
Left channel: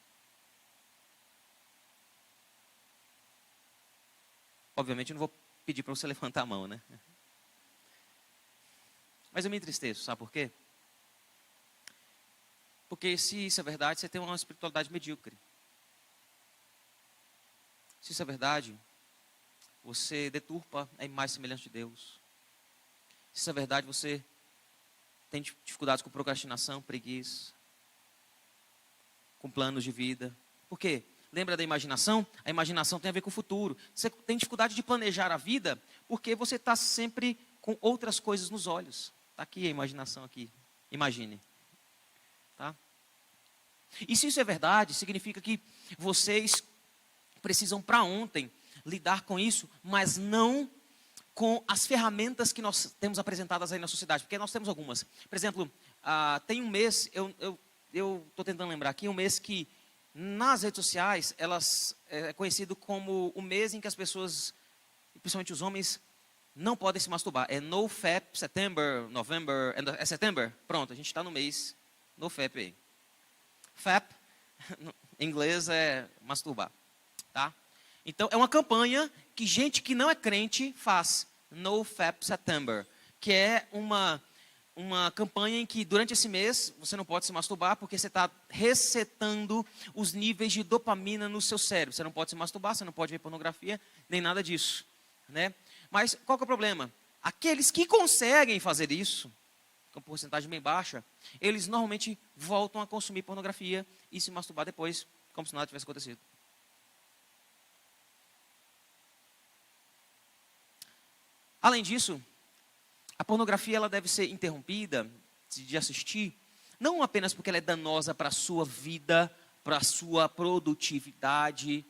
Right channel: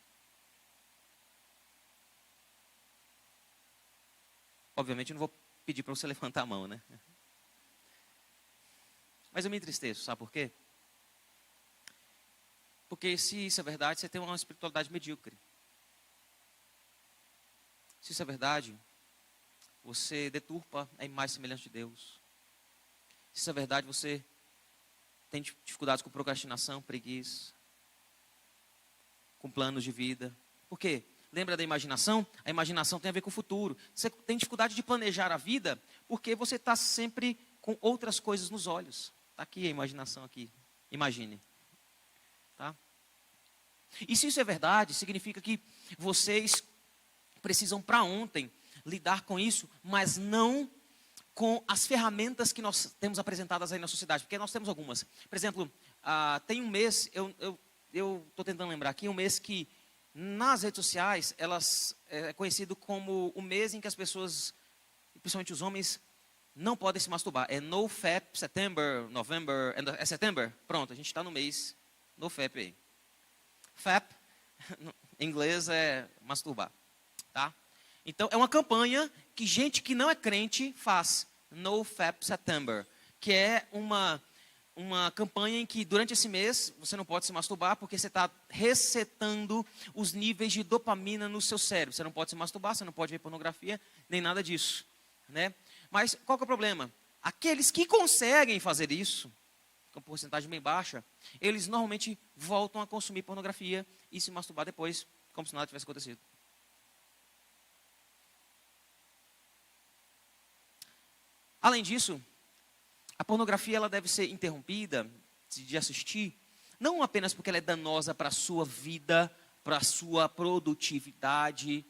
Obviamente eu não vou pedir para você levantar a mão, né? Mas eu me entristeço, sabe por quê? Porque se isso é verdade, você tem uma espiritualidade medíocre. Se isso é verdade, você deturpa a imagem semelhante de Deus. Se isso é verdade, você tem dificuldades com procrastinação, preguiça, com planos de vida. Por quê? Lembra da imaginação? A imaginação tem a ver com o futuro. Você tem dificuldade de planejar a vida porque você está sempre com outras coisas nos olhos. Está aqui a imaginação aqui. Imagine. Tá? E se isso é verdade, significa que vocês precisam para ontem lidar com isso, mas não com as ferramentas que nós temos apresentadas aí na sociedade, porque nós temos algumas. Por exemplo, tem um mês, eu estou tentando lembrar aqui, um mês que nas redes sociais, é conhecido como o mês em que as pessoas, principalmente os homens, não podem se masturbar. É NoFap September, November, é September? Pronto, a gente está no mês NoFap aí. Fap, em inglês, é masturbar, tá? Então, é uma campanha que gente que não é crente faz, NoFap September, que é uma campanha em que durante esse mês você não pode se masturbar porque você está resetando os níveis de dopamina no seu cérebro. Você não pode se masturbar, você não pode ver pornografia, nem nada disso, né? Mas qual que é o problema? Aqueles que conseguem fazer isso, com porcentagem bem baixa, eles normalmente voltam a consumir pornografia e se masturbar depois, como se nada tivesse acontecido. Além disso, a pornografia ela deve ser interrompida de assistir, não apenas porque ela é danosa para a sua vida, para a sua produtividade,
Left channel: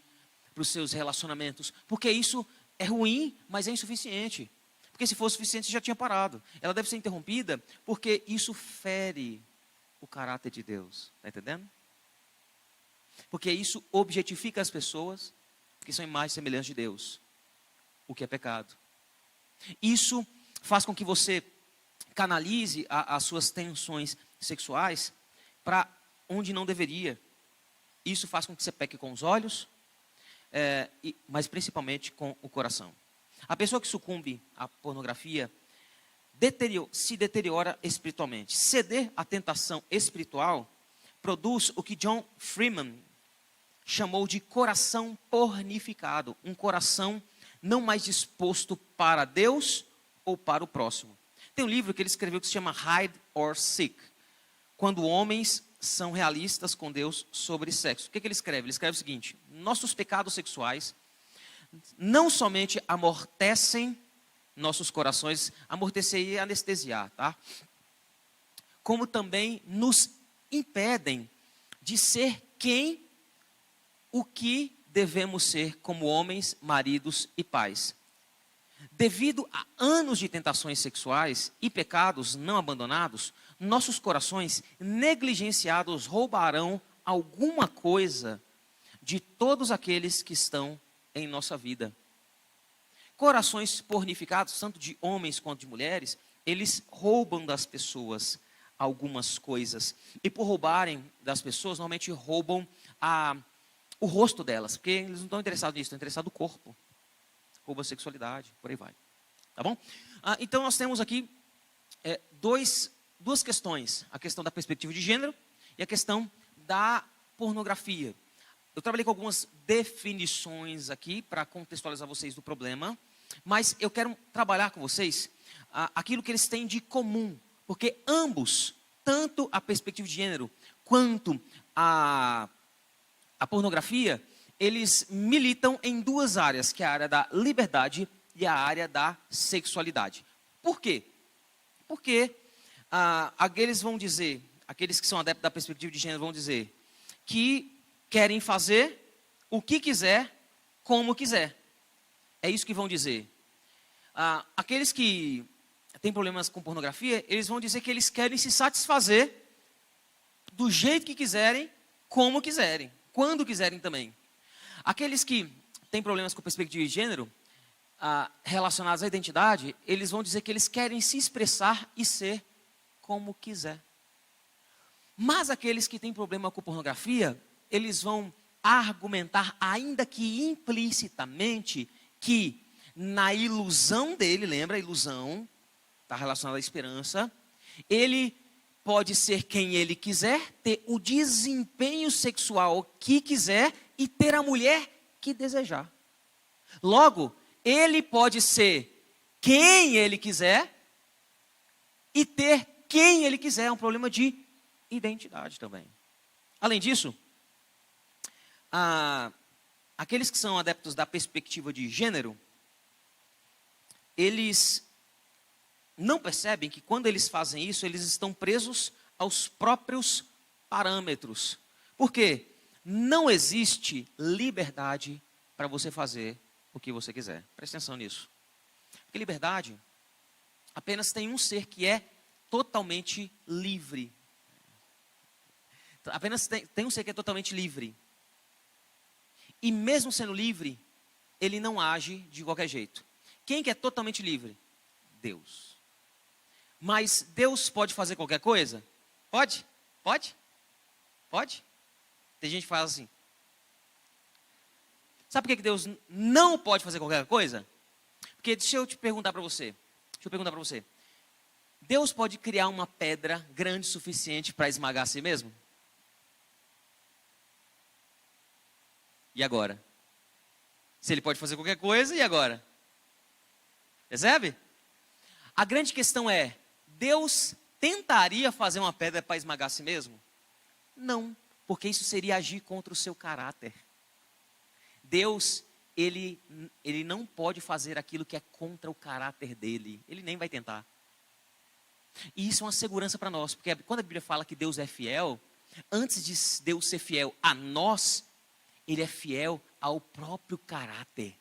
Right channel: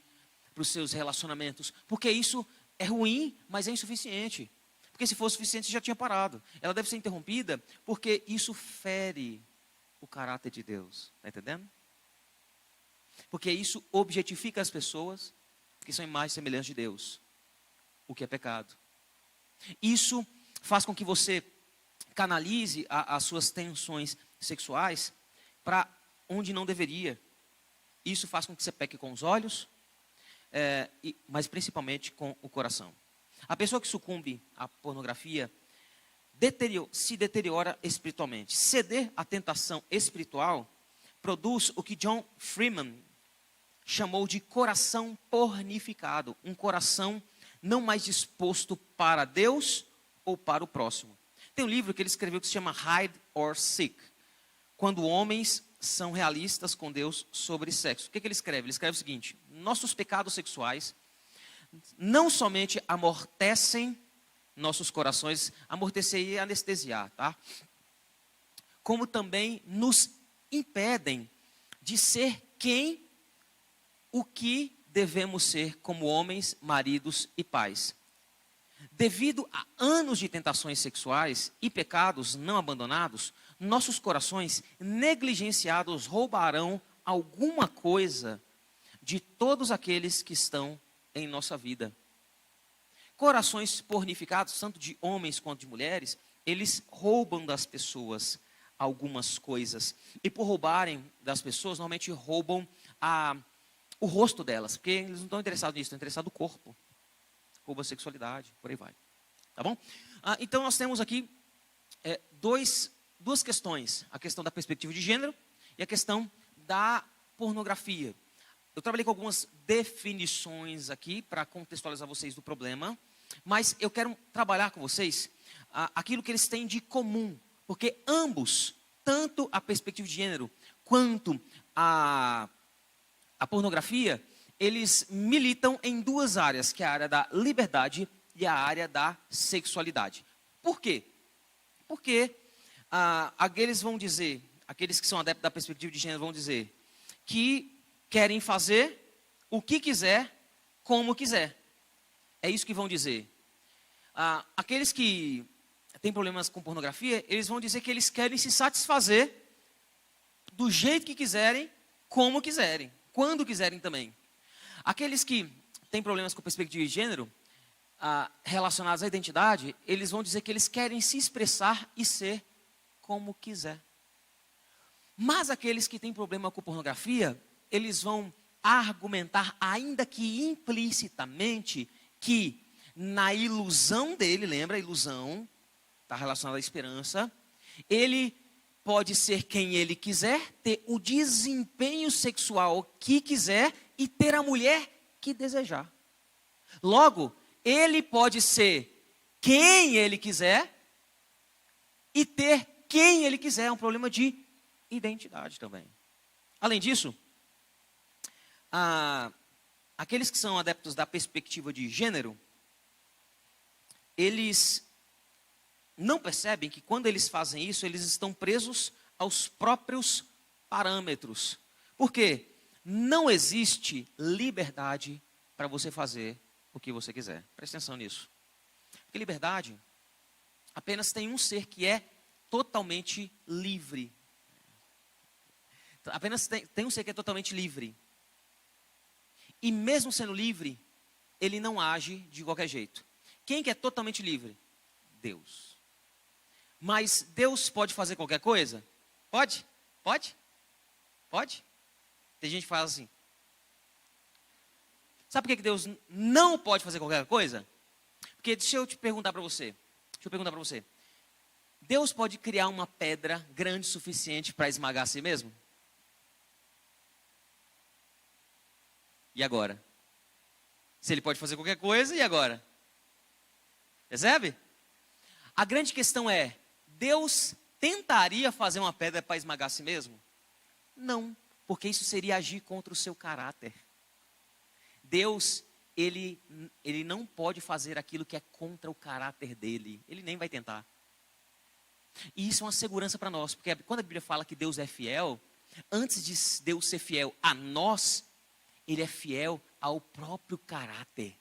para os seus relacionamentos, porque isso é ruim, mas é insuficiente. Porque se fosse suficiente, já tinha parado. Ela deve ser interrompida porque isso fere o caráter de Deus. Está entendendo? Porque isso objetifica as pessoas que são imagens semelhantes de Deus, o que é pecado. Isso faz com que você canalize as suas tensões sexuais para onde não deveria. Isso faz com que você peque com os olhos, mas principalmente com o coração. A pessoa que sucumbe à pornografia se deteriora espiritualmente. Ceder à tentação espiritual produz o que John Freeman chamou de coração pornificado. Um coração não mais disposto para Deus ou para o próximo. Tem um livro que ele escreveu que se chama Hide or Seek. Quando homens são realistas com Deus sobre sexo. O que ele escreve? Ele escreve o seguinte: nossos pecados sexuais não somente amortecem nossos corações, amortecer e anestesiar, tá? Como também nos impedem de ser o que devemos ser como homens, maridos e pais. Devido a anos de tentações sexuais e pecados não abandonados, nossos corações negligenciados roubarão alguma coisa de todos aqueles que estão em nossa vida. Corações pornificados, tanto de homens quanto de mulheres, eles roubam das pessoas algumas coisas. E por roubarem das pessoas, normalmente roubam o rosto delas, porque eles não estão interessados nisso, estão interessados no corpo. Rouba a sexualidade, por aí vai. Tá bom? Então nós temos aqui duas questões. A questão da perspectiva de gênero e a questão da pornografia. Eu trabalhei com algumas definições aqui para contextualizar vocês do problema, mas eu quero trabalhar com vocês aquilo que eles têm de comum, porque ambos, tanto a perspectiva de gênero quanto a pornografia, eles militam em duas áreas, que é a área da liberdade e a área da sexualidade. Por quê? Porque aqueles que são adeptos da perspectiva de gênero vão dizer que querem fazer o que quiser, como quiser. É isso que vão dizer. Aqueles que têm problemas com pornografia, eles vão dizer que eles querem se satisfazer do jeito que quiserem, como quiserem, quando quiserem também. Aqueles que têm problemas com perspectiva de gênero, relacionados à identidade, eles vão dizer que eles querem se expressar e ser como quiser. Mas aqueles que têm problema com pornografia, eles vão argumentar, ainda que implicitamente, que na ilusão dele, lembra a ilusão, está relacionada à esperança, ele pode ser quem ele quiser, ter o desempenho sexual que quiser e ter a mulher que desejar. Logo, ele pode ser quem ele quiser e ter quem ele quiser. É um problema de identidade também. Além disso, aqueles que são adeptos da perspectiva de gênero, eles não percebem que quando eles fazem isso, eles estão presos aos próprios parâmetros. Por quê? Não existe liberdade para você fazer o que você quiser. Preste atenção nisso. Porque liberdade apenas tem um ser que é totalmente livre. Apenas tem um ser que é totalmente livre. E mesmo sendo livre, ele não age de qualquer jeito. Quem que é totalmente livre? Deus. Mas Deus pode fazer qualquer coisa? Pode? Pode? Pode? Tem gente que fala assim. Sabe por que Deus não pode fazer qualquer coisa? Porque deixa eu perguntar para você. Deus pode criar uma pedra grande o suficiente para esmagar a si mesmo? E agora? Se ele pode fazer qualquer coisa, e agora? Percebe? A grande questão é, Deus tentaria fazer uma pedra para esmagar a si mesmo? Não, porque isso seria agir contra o seu caráter. Deus, ele não pode fazer aquilo que é contra o caráter dele. Ele nem vai tentar. E isso é uma segurança para nós, porque quando a Bíblia fala que Deus é fiel, antes de Deus ser fiel a nós, ele é fiel ao próprio caráter.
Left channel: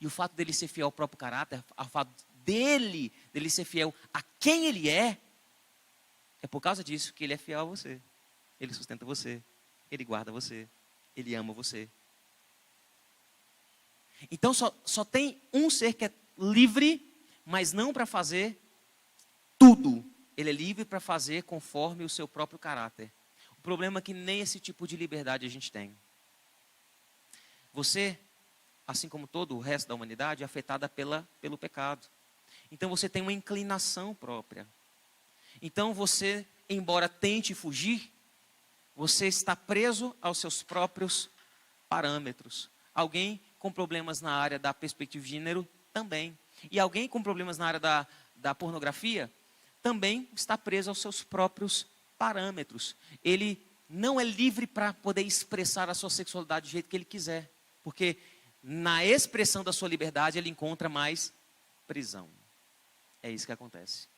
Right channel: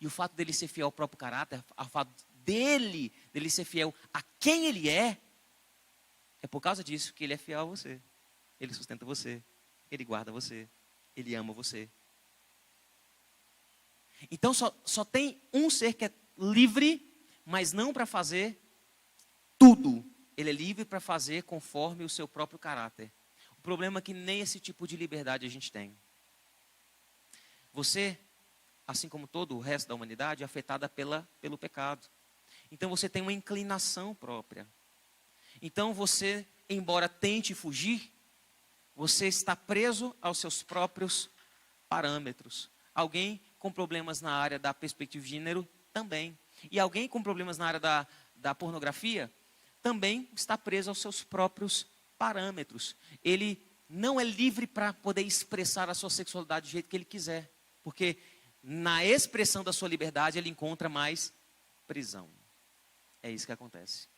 E o fato dele ser fiel ao próprio caráter, o fato dele ser fiel a quem ele é por causa disso que ele é fiel a você. Ele sustenta você, ele guarda você, ele ama você. Então só tem um ser que é livre, mas não para fazer tudo. Ele é livre para fazer conforme o seu próprio caráter. O problema é que nem esse tipo de liberdade a gente tem. Você, assim como todo o resto da humanidade, é afetada pelo pecado. Então você tem uma inclinação própria. Então você, embora tente fugir, você está preso aos seus próprios parâmetros. Alguém com problemas na área da perspectiva de gênero também. E alguém com problemas na área da pornografia também está preso aos seus próprios parâmetros. Ele não é livre para poder expressar a sua sexualidade do jeito que ele quiser. Porque na expressão da sua liberdade ele encontra mais prisão. É isso que acontece.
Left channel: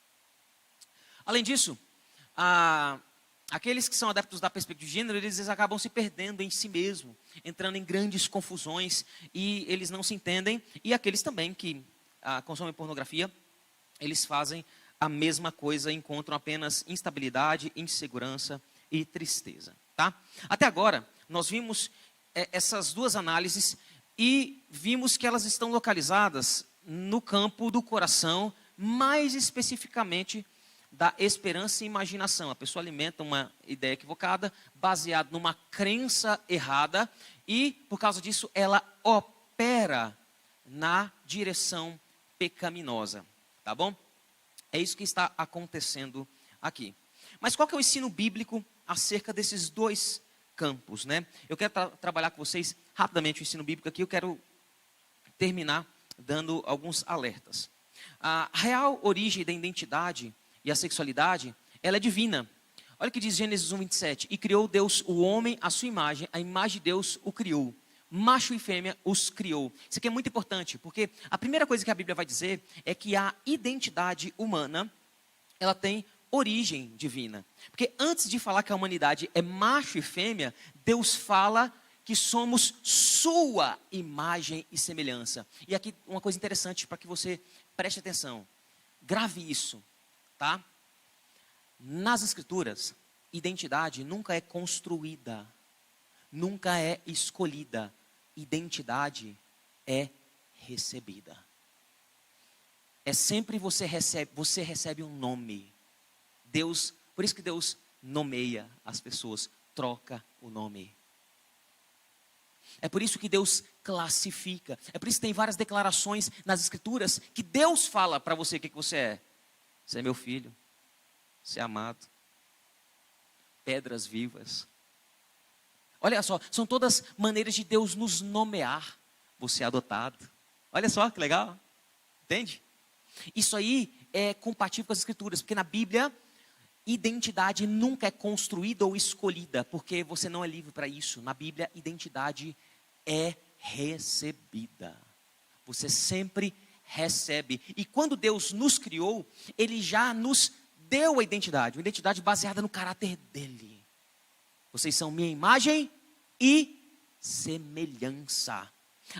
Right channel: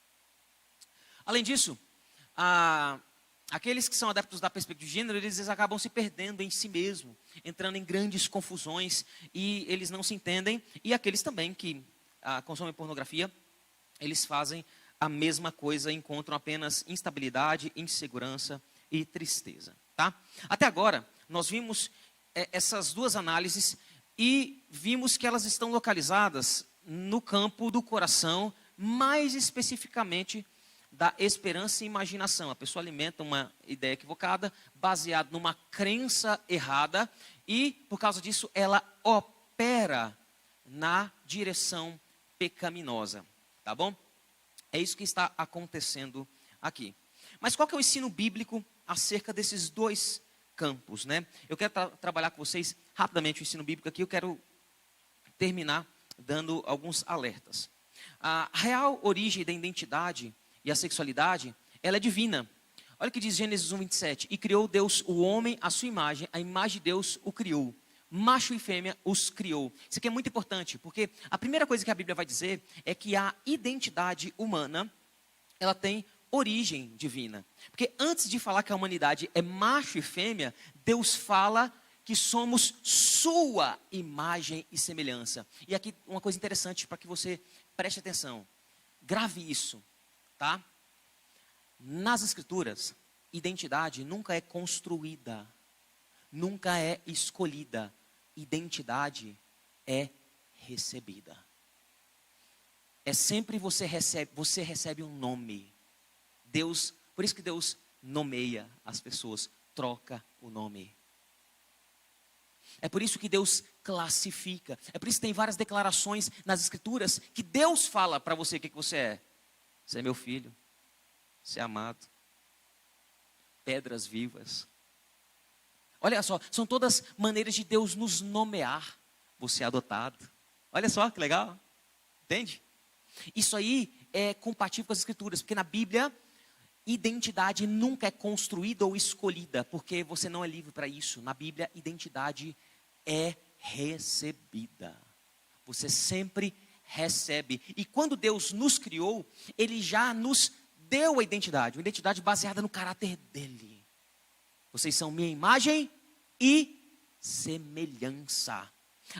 Além disso, aqueles que são adeptos da perspectiva de gênero, eles acabam se perdendo em si mesmo, entrando em grandes confusões, e eles não se entendem. E aqueles também que consomem pornografia, eles fazem a mesma coisa, encontram apenas instabilidade, insegurança e tristeza. Tá? Até agora, nós vimos essas duas análises e vimos que elas estão localizadas no campo do coração, mais especificamente da esperança e imaginação. A pessoa alimenta uma ideia equivocada, baseada numa crença errada, e, por causa disso, ela opera na direção pecaminosa. Tá bom? É isso que está acontecendo aqui. Mas qual que é o ensino bíblico acerca desses dois campos, né? Eu quero trabalhar com vocês rapidamente o ensino bíblico aqui. Eu quero terminar dando alguns alertas. A real origem da identidade e a sexualidade, ela é divina. Olha o que diz Gênesis 1:27. E criou Deus o homem à sua imagem, a imagem de Deus o criou. Macho e fêmea os criou. Isso aqui é muito importante, porque a primeira coisa que a Bíblia vai dizer é que a identidade humana, ela tem origem divina. Porque antes de falar que a humanidade é macho e fêmea, Deus fala que somos sua imagem e semelhança. E aqui uma coisa interessante para que você preste atenção. Grave isso, tá? Nas Escrituras, identidade nunca é construída, nunca é escolhida. Identidade é recebida. É sempre você recebe um nome. Deus, por isso que Deus nomeia as pessoas, troca o nome. É por isso que Deus classifica. É por isso que tem várias declarações nas Escrituras que Deus fala para você o que você é. Você é meu filho, você é amado, pedras vivas. Olha só, são todas maneiras de Deus nos nomear. Você é adotado. Olha só que legal. Entende? Isso aí é compatível com as Escrituras, porque na Bíblia, identidade nunca é construída ou escolhida, porque você não é livre para isso. Na Bíblia, identidade é recebida. Você sempre recebe. E quando Deus nos criou, Ele já nos deu a identidade. Uma identidade baseada no caráter dEle. Vocês são minha imagem e semelhança.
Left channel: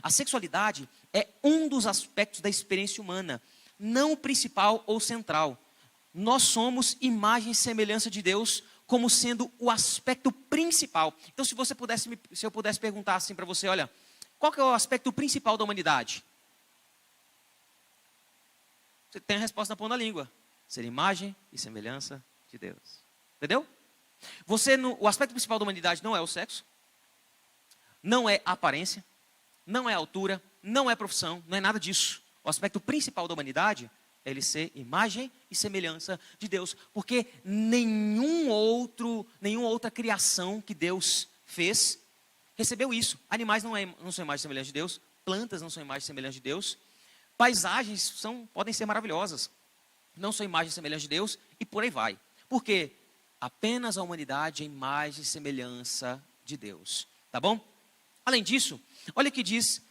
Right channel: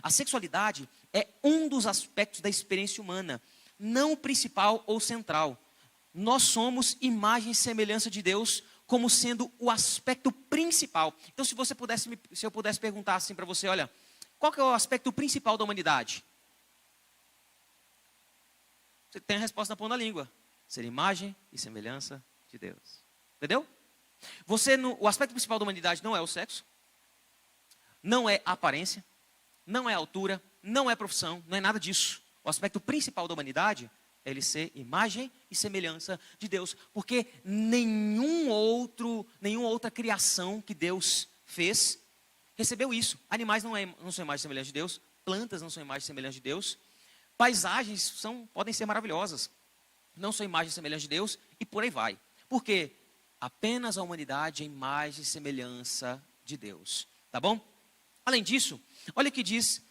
A sexualidade é um dos aspectos da experiência humana, não o principal ou central. Nós somos imagem e semelhança de Deus como sendo o aspecto principal. Então, se eu pudesse perguntar assim para você, olha, qual que é o aspecto principal da humanidade? Você tem a resposta na ponta da língua. Ser imagem e semelhança de Deus. Entendeu? O aspecto principal da humanidade não é o sexo, não é a aparência, não é a altura, não é a profissão, não é nada disso. O aspecto principal da humanidade é ele ser imagem e semelhança de Deus, porque nenhuma outra criação que Deus fez recebeu isso. Animais não são imagem e semelhança de Deus, plantas não são imagem e semelhança de Deus, paisagens podem ser maravilhosas, não são imagem e semelhança de Deus, e por aí vai. Por quê? Apenas a humanidade é imagem e semelhança de Deus. Tá bom? Além disso, olha o que diz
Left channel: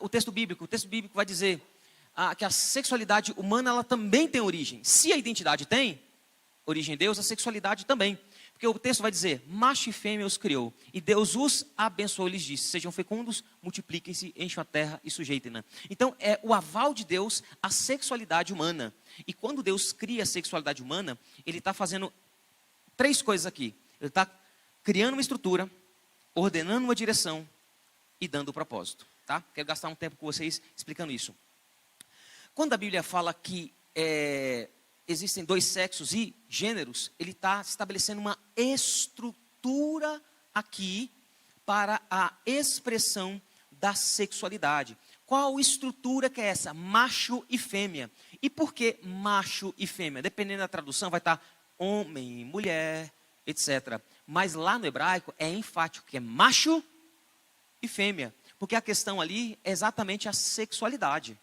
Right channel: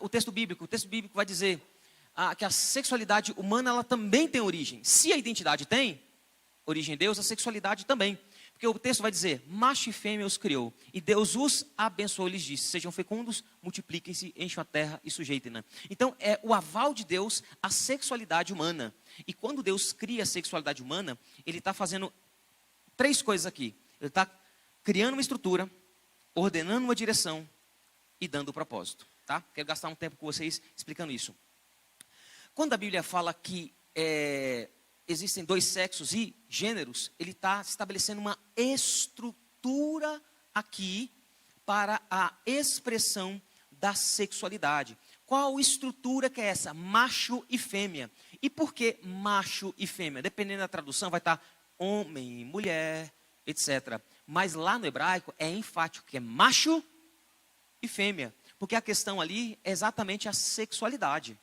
o texto bíblico. O texto bíblico vai dizer que a sexualidade humana ela também tem origem. Se a identidade tem origem em Deus, a sexualidade também. Porque o texto vai dizer, macho e fêmea os criou. E Deus os abençoou e lhes disse, sejam fecundos, multipliquem-se, enchem a terra e sujeitem-na. Então, é o aval de Deus à sexualidade humana. E quando Deus cria a sexualidade humana, Ele está fazendo 3 coisas aqui. Ele está criando uma estrutura, ordenando uma direção e dando o propósito. Tá? Quero gastar um tempo com vocês explicando isso. Quando a Bíblia fala que existem 2 sexos e gêneros, ele está estabelecendo uma estrutura aqui para a expressão da sexualidade. Qual estrutura que é essa? Macho e fêmea. E por que macho e fêmea? Dependendo da tradução, vai estar homem, mulher, etc. Mas lá no hebraico é enfático, que é macho e fêmea. Porque a questão ali é exatamente a sexualidade.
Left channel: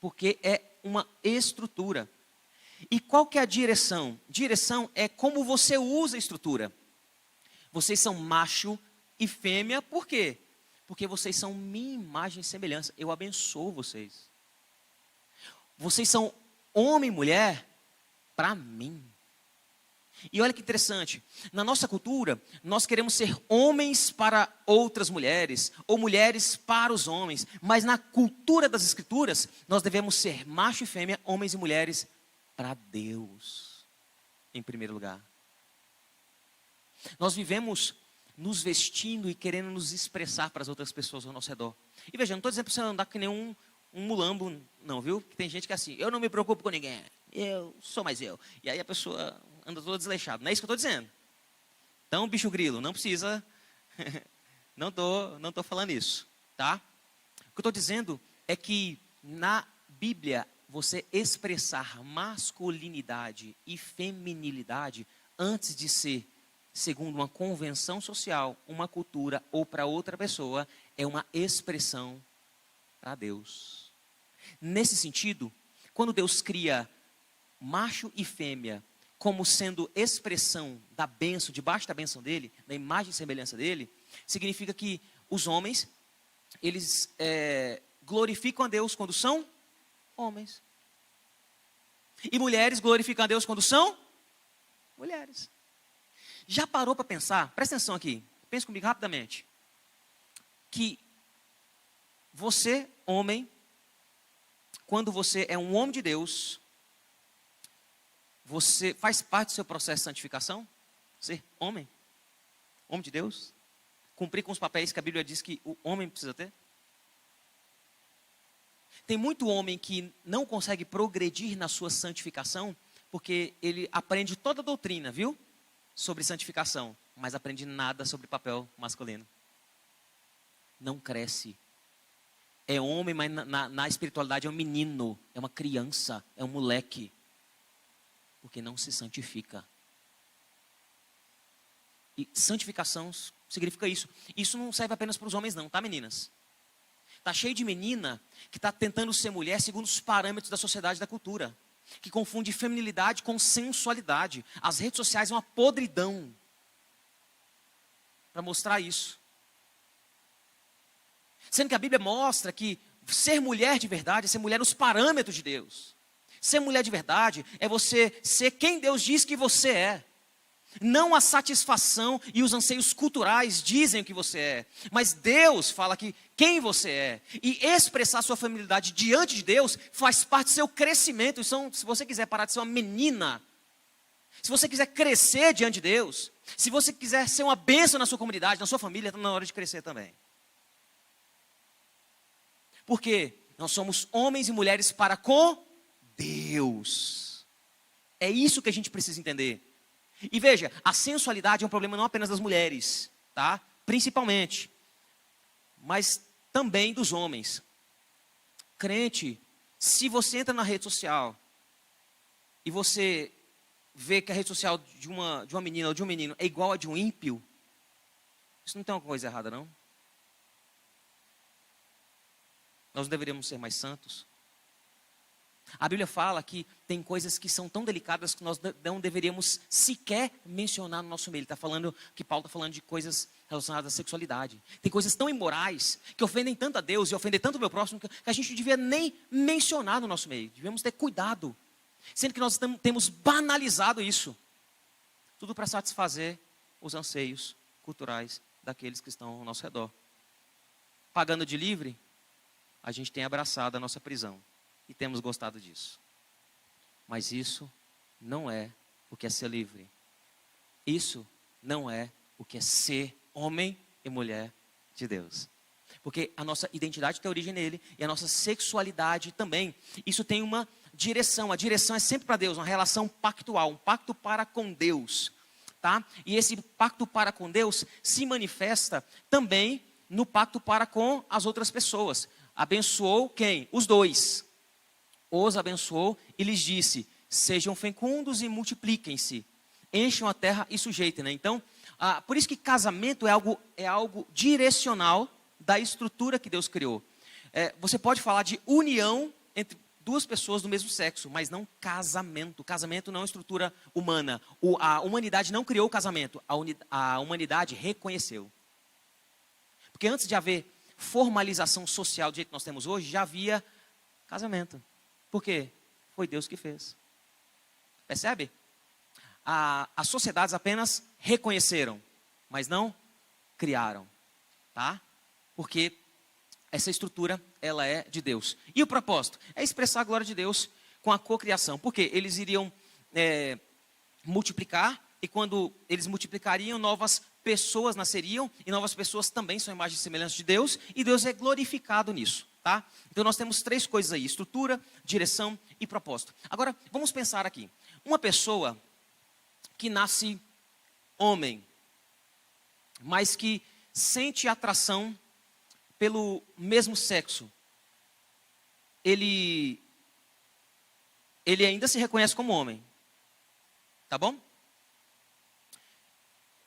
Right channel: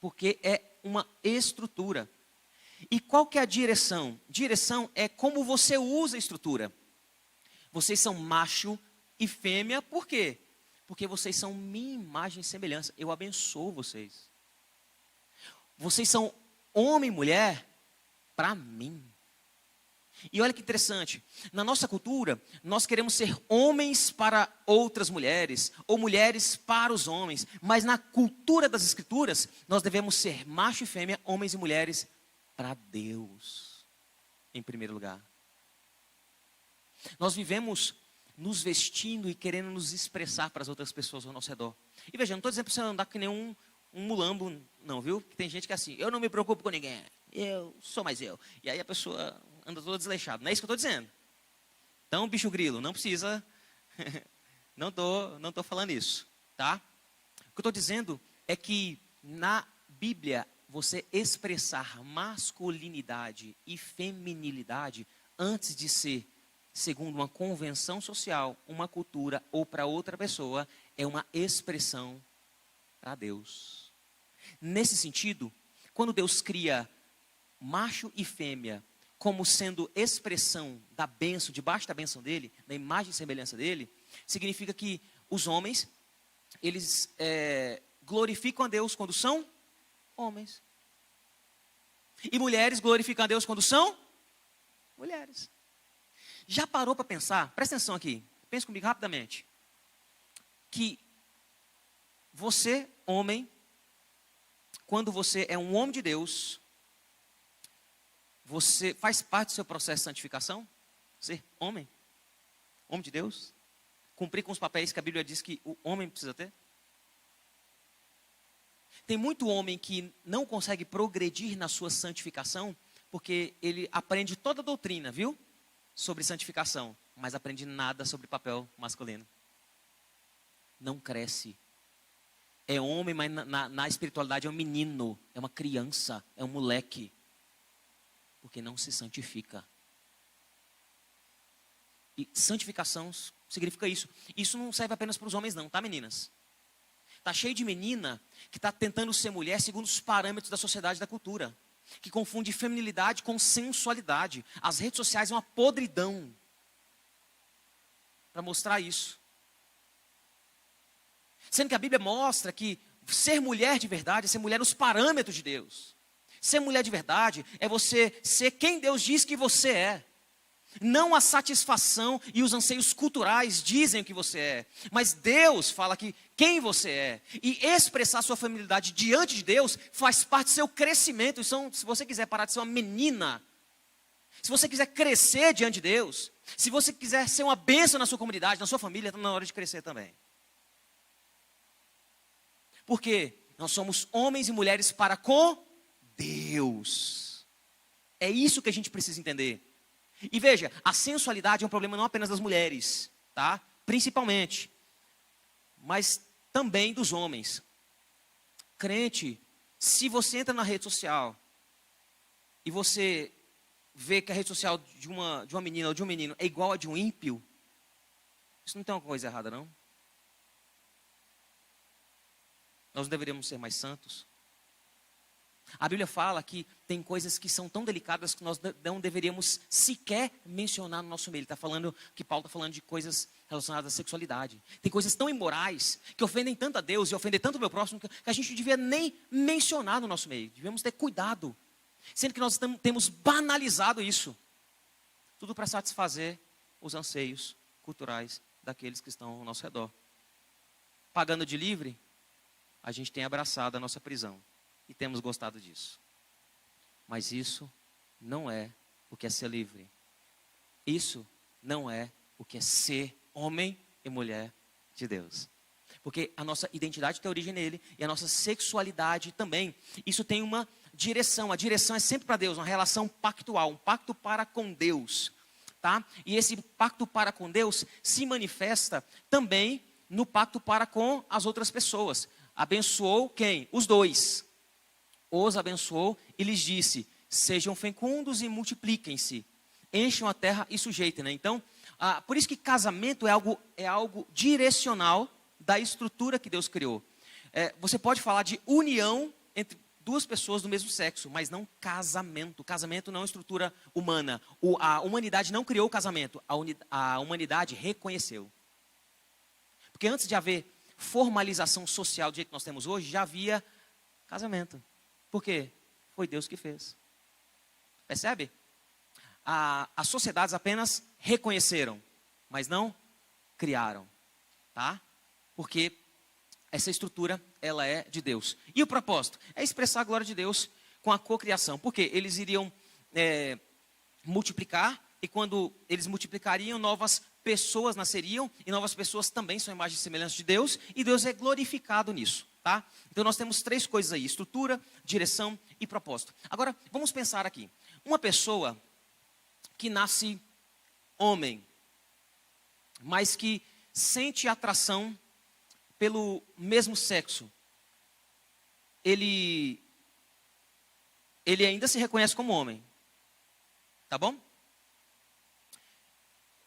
Porque é uma estrutura. E qual que é a direção? Direção é como você usa a estrutura. Vocês são macho e fêmea, por quê? Porque vocês são minha imagem e semelhança. Eu abençoo vocês. Vocês são homem e mulher para mim. E olha que interessante, na nossa cultura, nós queremos ser homens para outras mulheres, ou mulheres para os homens, mas na cultura das Escrituras, nós devemos ser macho e fêmea, homens e mulheres para Deus, em primeiro lugar. Nós vivemos nos vestindo e querendo nos expressar para as outras pessoas ao nosso redor. E veja, não estou dizendo para você andar que nem um mulambo, não, viu? Tem gente que é assim, eu não me preocupo com ninguém, eu sou mais eu. E aí a pessoa anda toda desleixada. Não é isso que eu estou dizendo. Então, bicho grilo, não precisa, não tô falando isso, tá? O que eu estou dizendo é que na Bíblia, você expressar masculinidade e feminilidade antes de ser, segundo uma convenção social, uma cultura ou para outra pessoa, é uma expressão para Deus. Nesse sentido, quando Deus cria macho e fêmea como sendo expressão da bênção, debaixo da bênção dele, da imagem e semelhança dele, significa que os homens, eles glorificam a Deus quando são homens. E mulheres glorificam a Deus quando são mulheres. Já parou para pensar? Presta atenção aqui, pense comigo rapidamente. Que você, homem, quando você é um homem de Deus, você faz parte do seu processo de santificação? Ser homem? Homem de Deus? Cumprir com os papéis que a Bíblia diz que o homem precisa ter? Tem muito homem que não consegue progredir na sua santificação, porque ele aprende toda a doutrina, viu? Sobre santificação, mas aprende nada sobre papel masculino. Não cresce. É homem, mas na espiritualidade é um menino, é uma criança, é um moleque. Porque não se santifica. E santificação significa isso. Isso não serve apenas para os homens não, tá, meninas? Está cheio de menina que está tentando ser mulher segundo os parâmetros da sociedade e da cultura. Que confunde feminilidade com sensualidade. As redes sociais é uma podridão para mostrar isso. Sendo que a Bíblia mostra que ser mulher de verdade é ser mulher nos parâmetros de Deus. Ser mulher de verdade é você ser quem Deus diz que você é. Não a satisfação e os anseios culturais dizem o que você é. Mas Deus fala que quem você é. E expressar sua feminilidade diante de Deus faz parte do seu crescimento. Então, se você quiser parar de ser uma menina, se você quiser crescer diante de Deus, se você quiser ser uma bênção na sua comunidade, na sua família, está na hora de crescer também. Porque nós somos homens e mulheres para com Deus. É isso que a gente precisa entender. E veja, a sensualidade é um problema não apenas das mulheres, tá? Principalmente, mas também dos homens. Crente, se você entra na rede social e você vê que a rede social de uma menina ou de um menino é igual a de um ímpio, isso não tem uma coisa errada, não? Nós deveríamos ser mais santos. A Bíblia fala que tem coisas que são tão delicadas que nós não deveríamos sequer mencionar no nosso meio. Ele está falando, que Paulo está falando de coisas relacionadas à sexualidade. Tem coisas tão imorais, que ofendem tanto a Deus e ofendem tanto o meu próximo, que a gente não devia nem mencionar no nosso meio. Devemos ter cuidado. Sendo que nós temos banalizado isso. Tudo para satisfazer os anseios culturais daqueles que estão ao nosso redor. Pagando de livre, a gente tem abraçado a nossa prisão. E temos gostado disso. Mas isso não é o que é ser livre. Isso não é o que é ser homem e mulher de Deus. Porque a nossa identidade tem origem nele e a nossa sexualidade também. Isso tem uma direção. A direção é sempre para Deus, uma relação pactual, um pacto para com Deus. Tá? E esse pacto para com Deus se manifesta também no pacto para com as outras pessoas. Abençoou quem? Os dois. Os abençoou e lhes disse, sejam fecundos e multipliquem-se, encham a terra e sujeitem, né? Então, por isso que casamento é algo direcional da estrutura que Deus criou. Você pode falar de união entre duas pessoas do mesmo sexo, mas não casamento. Casamento não é uma estrutura humana. A humanidade não criou o casamento, a humanidade reconheceu. Porque antes de haver formalização social do jeito que nós temos hoje, já havia casamento. Por quê? Foi Deus que fez. Percebe? As sociedades apenas reconheceram, mas não criaram, tá? Porque essa estrutura, ela é de Deus. E o propósito? É expressar a glória de Deus com a cocriação. Porque eles iriam multiplicar, e quando eles multiplicariam, novas pessoas nasceriam, e novas pessoas também são imagens e semelhanças de Deus, e Deus é glorificado nisso, tá? Então nós temos 3 coisas aí: estrutura, direção e propósito. Agora, vamos pensar aqui. Uma pessoa que nasce homem, mas que sente atração pelo mesmo sexo, ele ainda se reconhece como homem, tá bom?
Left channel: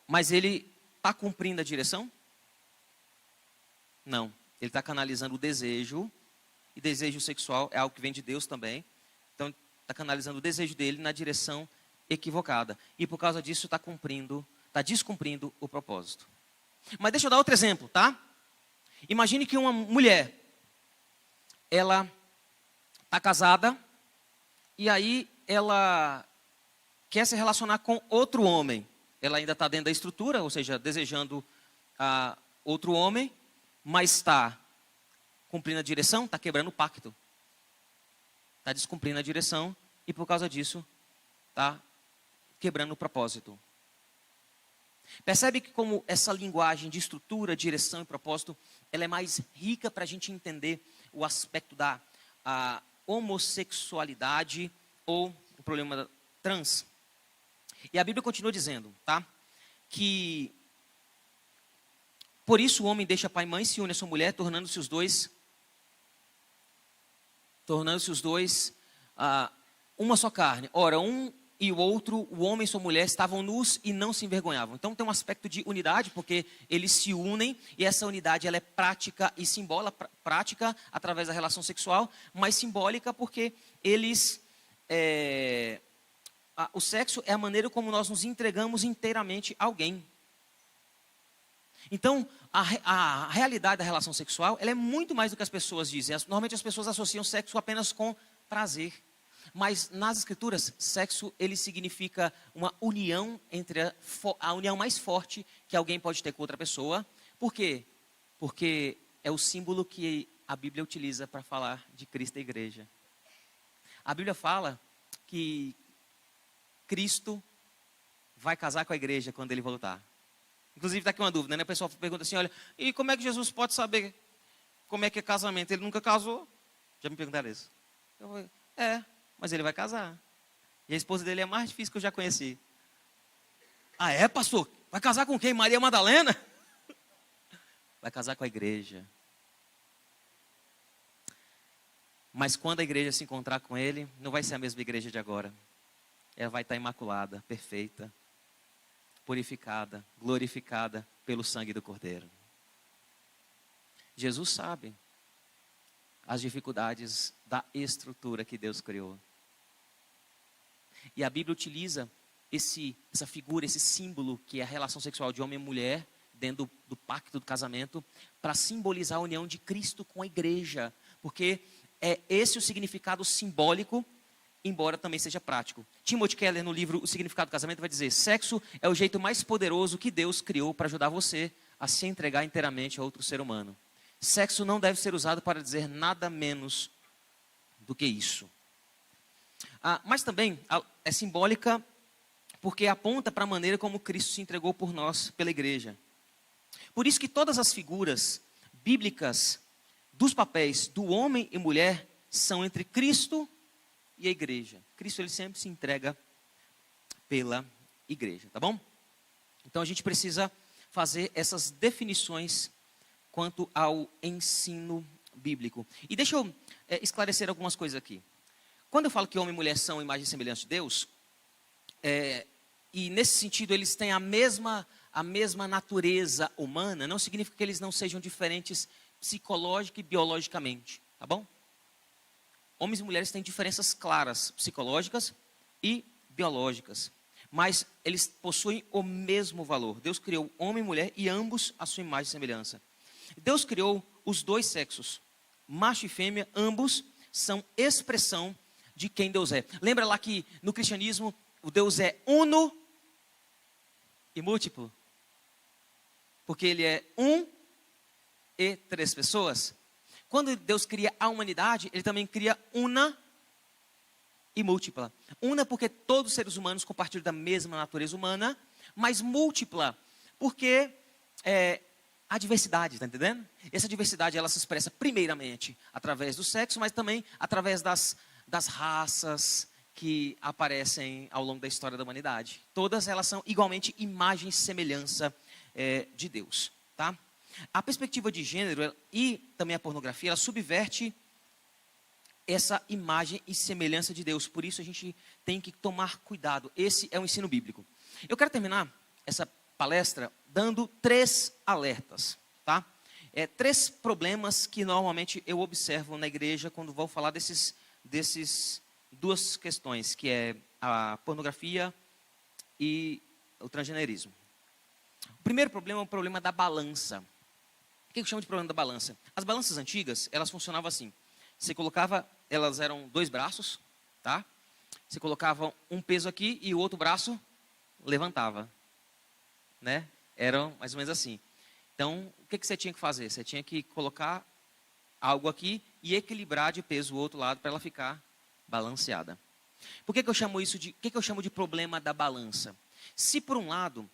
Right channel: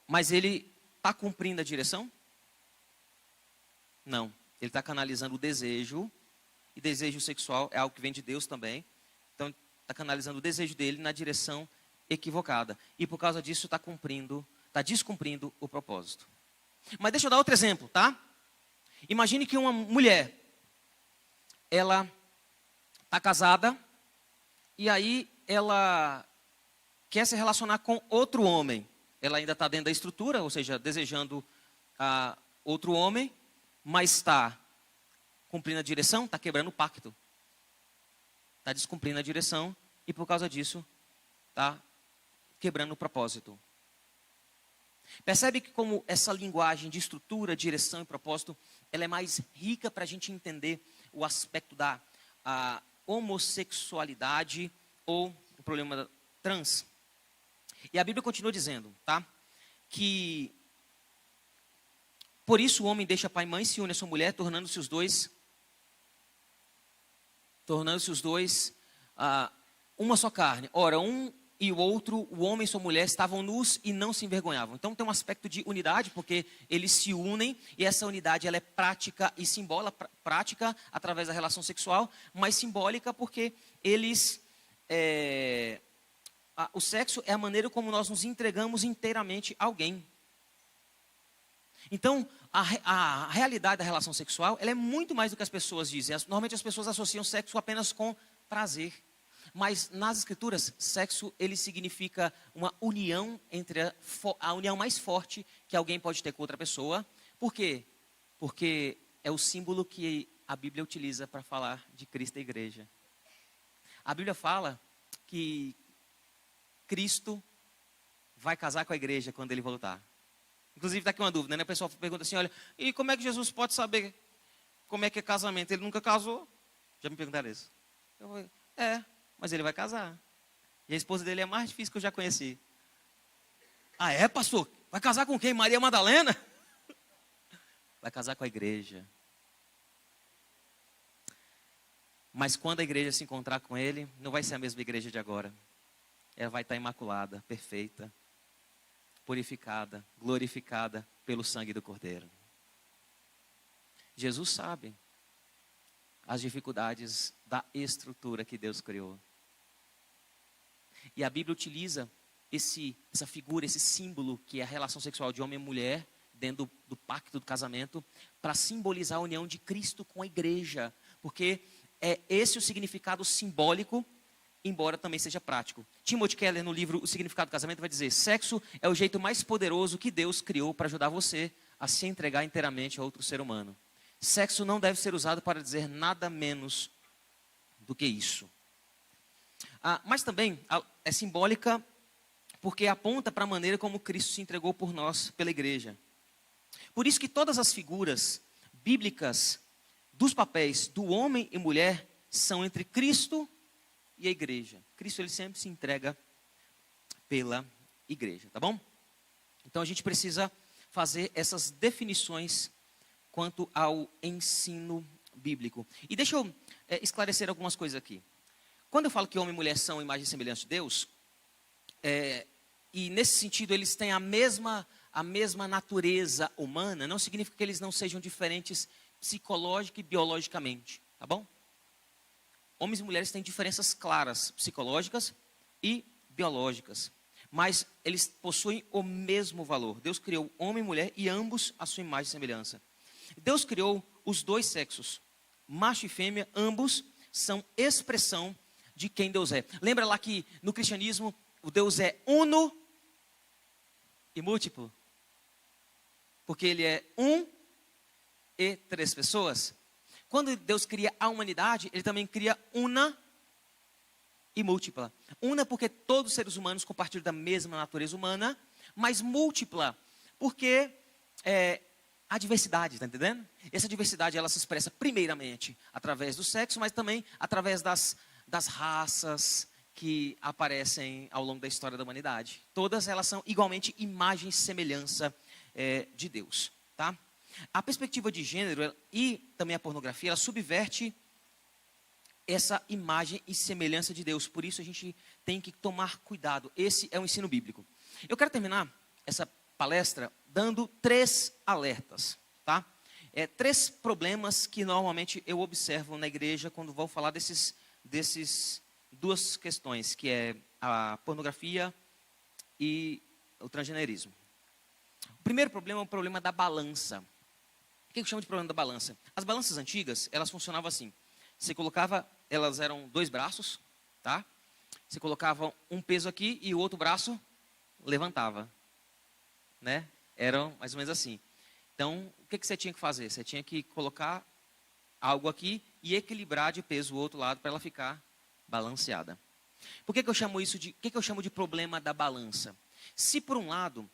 Mas ele está cumprindo a direção? Não, ele está canalizando o desejo, e desejo sexual é algo que vem de Deus também, então está canalizando o desejo dele na direção equivocada, e por causa disso está descumprindo o propósito. Mas deixa eu dar outro exemplo, tá? Imagine que uma mulher, ela está casada, e aí ela quer se relacionar com outro homem. Ela ainda está dentro da estrutura, ou seja, desejando outro homem, mas está cumprindo a direção, está quebrando o pacto. Está descumprindo a direção, e por causa disso, está quebrando o propósito. Percebe que como essa linguagem de estrutura, direção e propósito, ela é mais rica para a gente entender o aspecto da homossexualidade ou o problema da trans. E a Bíblia continua dizendo, tá? Que por isso o homem deixa pai e mãe, se une a sua mulher, tornando-se os dois uma só carne. Ora, um e o outro, o homem e sua mulher, estavam nus e não se envergonhavam. Então tem um aspecto de unidade, porque eles se unem, e essa unidade ela é prática e simbólica, prática através da relação sexual, mas simbólica porque eles, o sexo é a maneira como nós nos entregamos inteiramente a alguém. Então, a realidade da relação sexual, ela é muito mais do que as pessoas dizem. Normalmente as pessoas associam sexo apenas com prazer. Mas nas escrituras, sexo, ele significa uma união entre a união mais forte que alguém pode ter com outra pessoa. Por quê? Porque é o símbolo que a Bíblia utiliza para falar de Cristo e a igreja. A Bíblia fala que Cristo vai casar com a igreja quando ele voltar. Inclusive, está aqui uma dúvida, né? O pessoal pergunta assim, olha, e como é que Jesus pode saber como é que é casamento? Ele nunca casou. Já me perguntaram isso. Eu falei, mas ele vai casar. E a esposa dele é a mais difícil que eu já conheci. Ah, é, pastor? Vai casar com quem? Maria Madalena? Vai casar com a igreja. Mas quando a igreja se encontrar com ele, não vai ser a mesma igreja de agora. Ela vai estar imaculada, perfeita, purificada, glorificada pelo sangue do Cordeiro. Jesus sabe as dificuldades da estrutura que Deus criou. E a Bíblia utiliza essa figura, esse símbolo, que é a relação sexual de homem e mulher, dentro do pacto do casamento, para simbolizar a união de Cristo com a igreja. Porque é esse o significado simbólico, embora também seja prático. Timothy Keller, no livro O Significado do Casamento, vai dizer: sexo é o jeito mais poderoso que Deus criou para ajudar você a se entregar inteiramente a outro ser humano. Sexo não deve ser usado para dizer nada menos do que isso. Mas também é simbólica porque aponta para a maneira como Cristo se entregou por nós, pela igreja. Por isso que todas as figuras bíblicas dos papéis do homem e mulher são entre Cristo e a igreja. Cristo, ele sempre se entrega pela igreja, tá bom? Então a gente precisa fazer essas definições quanto ao ensino bíblico. E deixa eu esclarecer algumas coisas aqui. Quando eu falo que homem e mulher são imagem e semelhança de Deus, e nesse sentido eles têm a mesma natureza humana, não significa que eles não sejam diferentes psicológica e biologicamente, tá bom? Homens e mulheres têm diferenças claras, psicológicas e biológicas, mas eles possuem o mesmo valor. Deus criou homem e mulher e ambos a sua imagem e semelhança. Deus criou os dois sexos, macho e fêmea, ambos, são expressão de quem Deus é. Lembra lá que no cristianismo o Deus é uno e múltiplo? Porque ele é um e três pessoas. Quando Deus cria a humanidade, ele também cria una e múltipla. Una porque todos os seres humanos compartilham da mesma natureza humana, mas múltipla porque a diversidade, está entendendo? Essa diversidade ela se expressa primeiramente através do sexo, mas também através das raças que aparecem ao longo da história da humanidade. Todas elas são igualmente imagem e semelhança de Deus, tá? A perspectiva de gênero e também a pornografia, ela subverte essa imagem e semelhança de Deus. Por isso a gente tem que tomar cuidado. Esse é o ensino bíblico. Eu quero terminar essa palestra dando 3 alertas, tá? 3 problemas que normalmente eu observo na igreja quando vou falar desses 2 questões, que é a pornografia e o transgenerismo. O primeiro problema é o problema da balança. O que eu chamo de problema da balança? As balanças antigas, elas funcionavam assim. Você colocava, elas eram 2 braços, tá? Você colocava um peso aqui e o outro braço levantava, né? Eram mais ou menos assim. Então, o que você tinha que fazer? Você tinha que colocar algo aqui e equilibrar de peso o outro lado para ela ficar balanceada. Por que eu chamo isso de, o que eu chamo de problema da balança? Se por um lado,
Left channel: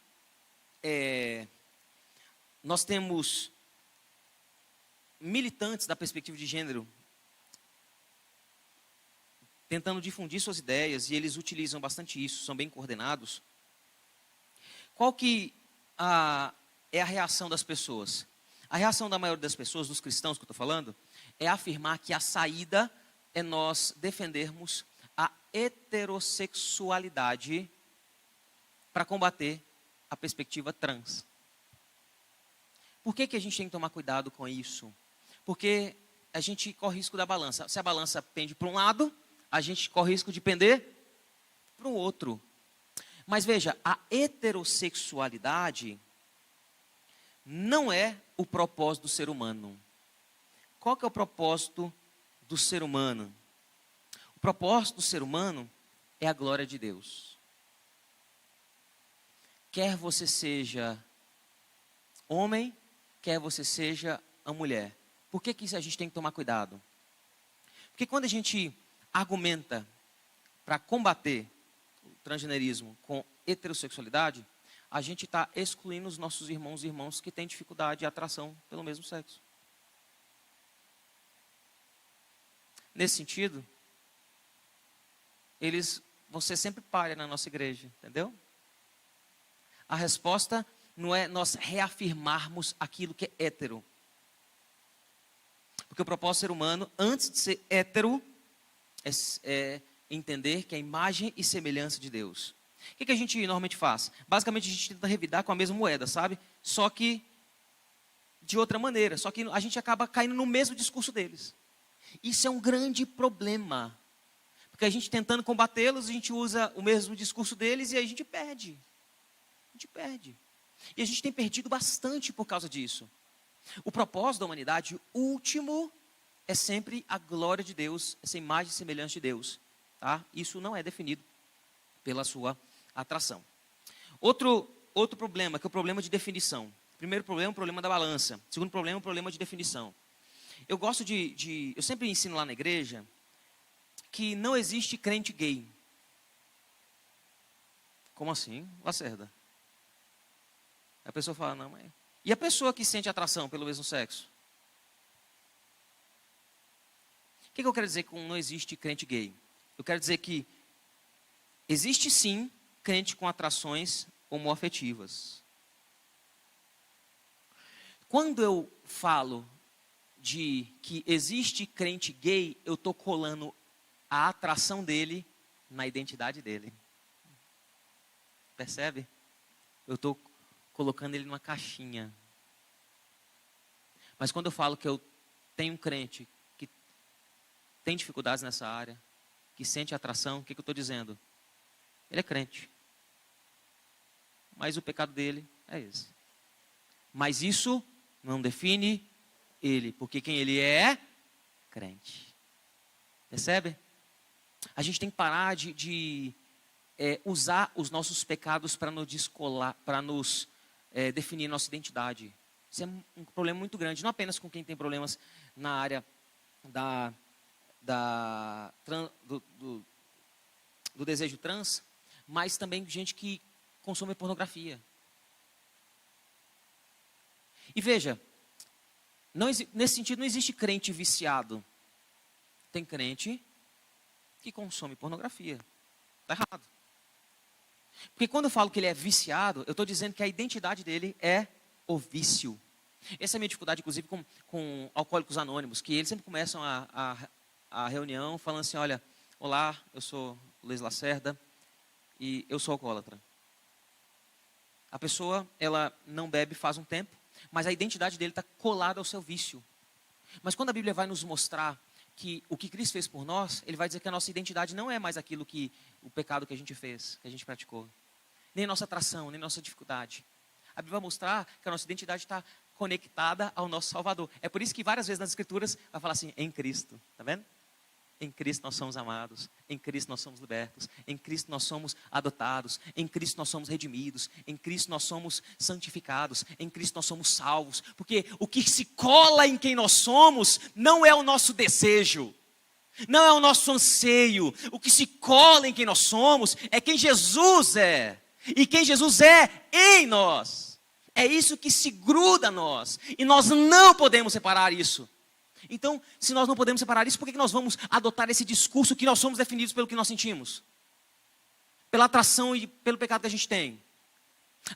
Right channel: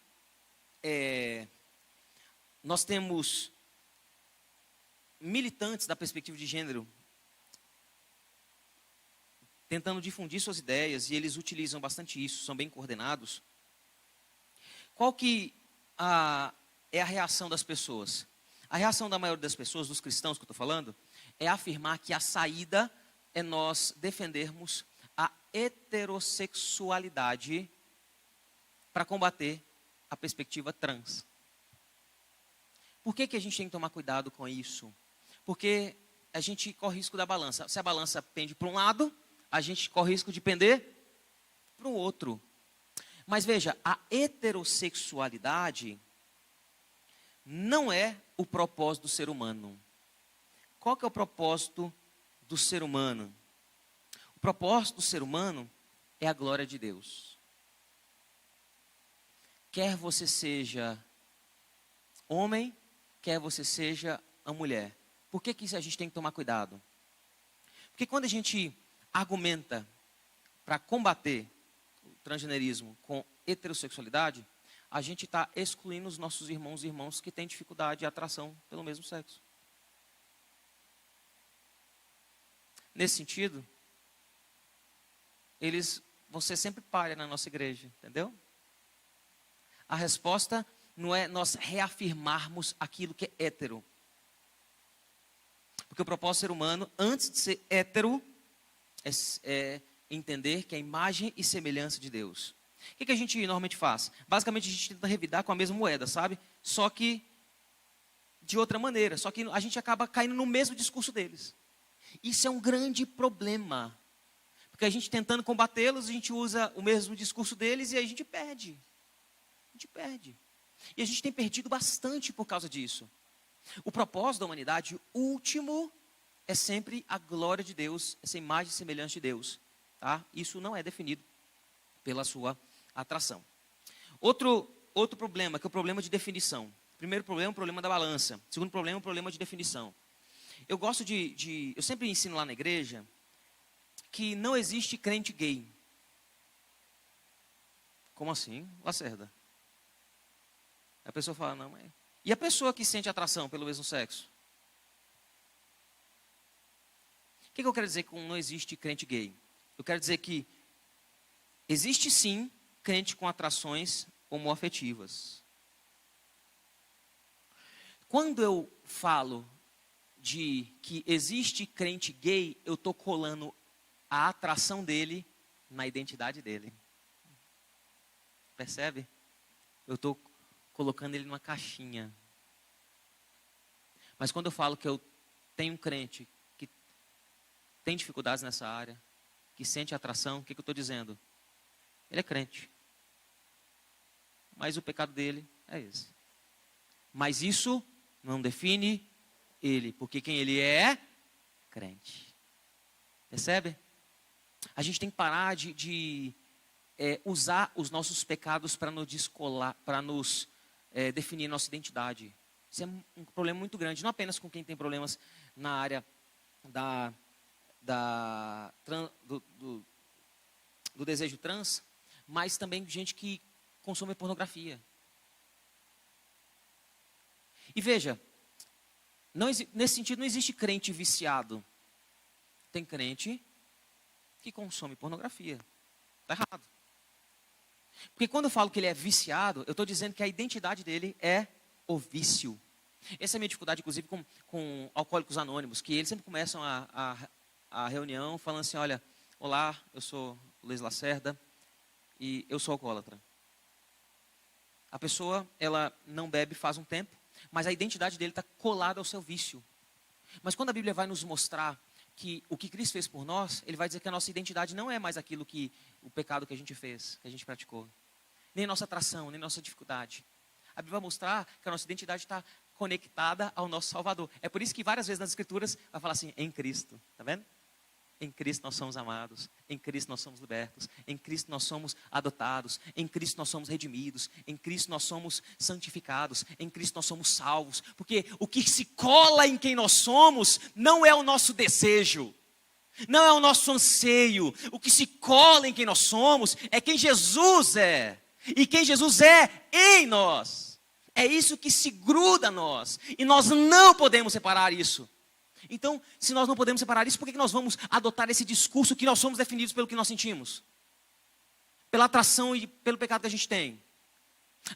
nós temos militantes da perspectiva de gênero tentando difundir suas ideias, e eles utilizam bastante isso, são bem coordenados. Qual que é a reação das pessoas? A reação da maioria das pessoas, dos cristãos que eu estou falando, é afirmar que a saída é nós defendermos a heterossexualidade para combater a perspectiva trans. Por que a gente tem que tomar cuidado com isso? Porque a gente corre risco da balança. Se a balança pende para um lado, a gente corre risco de pender para o outro. Mas veja, a heterossexualidade não é o propósito do ser humano. Qual que é o propósito do ser humano? O propósito do ser humano é a glória de Deus. Quer você seja homem, quer você seja a mulher. Por que a gente tem que tomar cuidado? Porque quando a gente argumenta para combater o transgenerismo com heterossexualidade, a gente está excluindo os nossos irmãos e irmãs que têm dificuldade e atração pelo mesmo sexo. Nesse sentido, eles vão ser sempre palha na nossa igreja, entendeu? A resposta não é nós reafirmarmos aquilo que é hétero. Porque o propósito do ser humano, antes de ser hétero, é entender que é a imagem e semelhança de Deus. O que a gente normalmente faz? Basicamente a gente tenta revidar com a mesma moeda, sabe? Só que de outra maneira. Só que a gente acaba caindo no mesmo discurso deles. Isso é um grande problema. Porque a gente tentando combatê-los, a gente usa o mesmo discurso deles e a gente perde. A gente perde. E a gente tem perdido bastante por causa disso. O propósito da humanidade, o último, é sempre a glória de Deus, essa imagem e semelhança de Deus. Tá? Isso não é definido pela sua atração. Outro problema, que é o problema de definição. Primeiro problema é o problema da balança. Segundo problema é o problema de definição. Eu gosto eu sempre ensino lá na igreja que não existe crente gay. Como assim, Lacerda? A pessoa fala, não, mas... E a pessoa que sente atração pelo mesmo sexo? O que eu quero dizer com não existe crente gay? Eu quero dizer que existe sim crente com atrações homoafetivas. Quando eu falo de que existe crente gay, eu estou colando a atração dele na identidade dele. Percebe? Eu estou colocando ele numa caixinha. Mas quando eu falo que eu tenho um crente que tem dificuldades nessa área, que sente atração, o que eu estou dizendo? Ele é crente. Mas o pecado dele é esse. Mas isso não define ele, porque quem ele é crente. Percebe? A gente tem que parar de usar os nossos pecados para nos descolar, para nos definir nossa identidade. Isso é um problema muito grande, não apenas com quem tem problemas na área do desejo trans, mas também gente que consome pornografia. E veja, nesse sentido não existe crente viciado. Tem crente que consome pornografia. Está errado. Porque quando eu falo que ele é viciado, eu estou dizendo que a identidade dele é o vício. Essa é a minha dificuldade, inclusive, com alcoólicos anônimos, que eles sempre começam a reunião falando assim, olha, olá, eu sou Luiz Lacerda e eu sou alcoólatra. A pessoa, ela não bebe faz um tempo, mas a identidade dele está colada ao seu vício. Mas quando a Bíblia vai nos mostrar que o que Cristo fez por nós, ele vai dizer que a nossa identidade não é mais aquilo que o pecado que a gente fez, que a gente praticou. Nem a nossa atração, nem a nossa dificuldade. A Bíblia vai mostrar que a nossa identidade está conectada ao nosso Salvador. É por isso que várias vezes nas Escrituras vai falar assim, em Cristo, tá vendo? Em Cristo nós somos amados, em Cristo nós somos libertos, em Cristo nós somos adotados, em Cristo nós somos redimidos, em Cristo nós somos santificados, em Cristo nós somos salvos. Porque o que se cola em quem nós somos não é o nosso desejo, não é o nosso anseio. O que se cola em quem nós somos é quem Jesus é, e quem Jesus é em nós. É isso que se gruda a nós, e nós não podemos separar isso. Então, se nós não podemos separar isso, por que nós vamos adotar esse discurso que nós somos definidos pelo que nós sentimos? Pela atração e pelo pecado que a gente tem.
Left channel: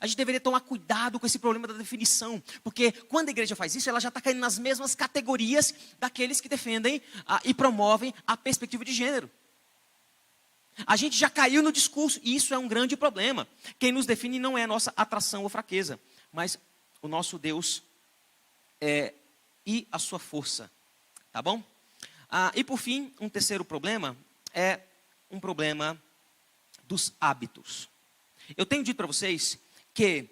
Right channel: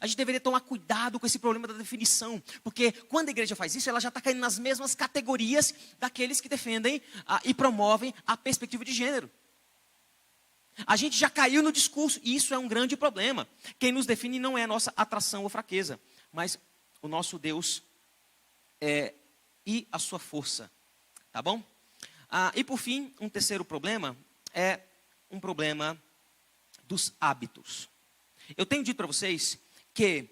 A gente deveria tomar cuidado com esse problema da definição, porque quando a igreja faz isso, ela já está caindo nas mesmas categorias daqueles que defendem e promovem a perspectiva de gênero. A gente já caiu no discurso, e isso é um grande problema. Quem nos define não é a nossa atração ou fraqueza, mas o nosso Deus e a sua força. Tá bom? E por fim, um terceiro problema é um problema dos hábitos. Eu tenho dito para vocês que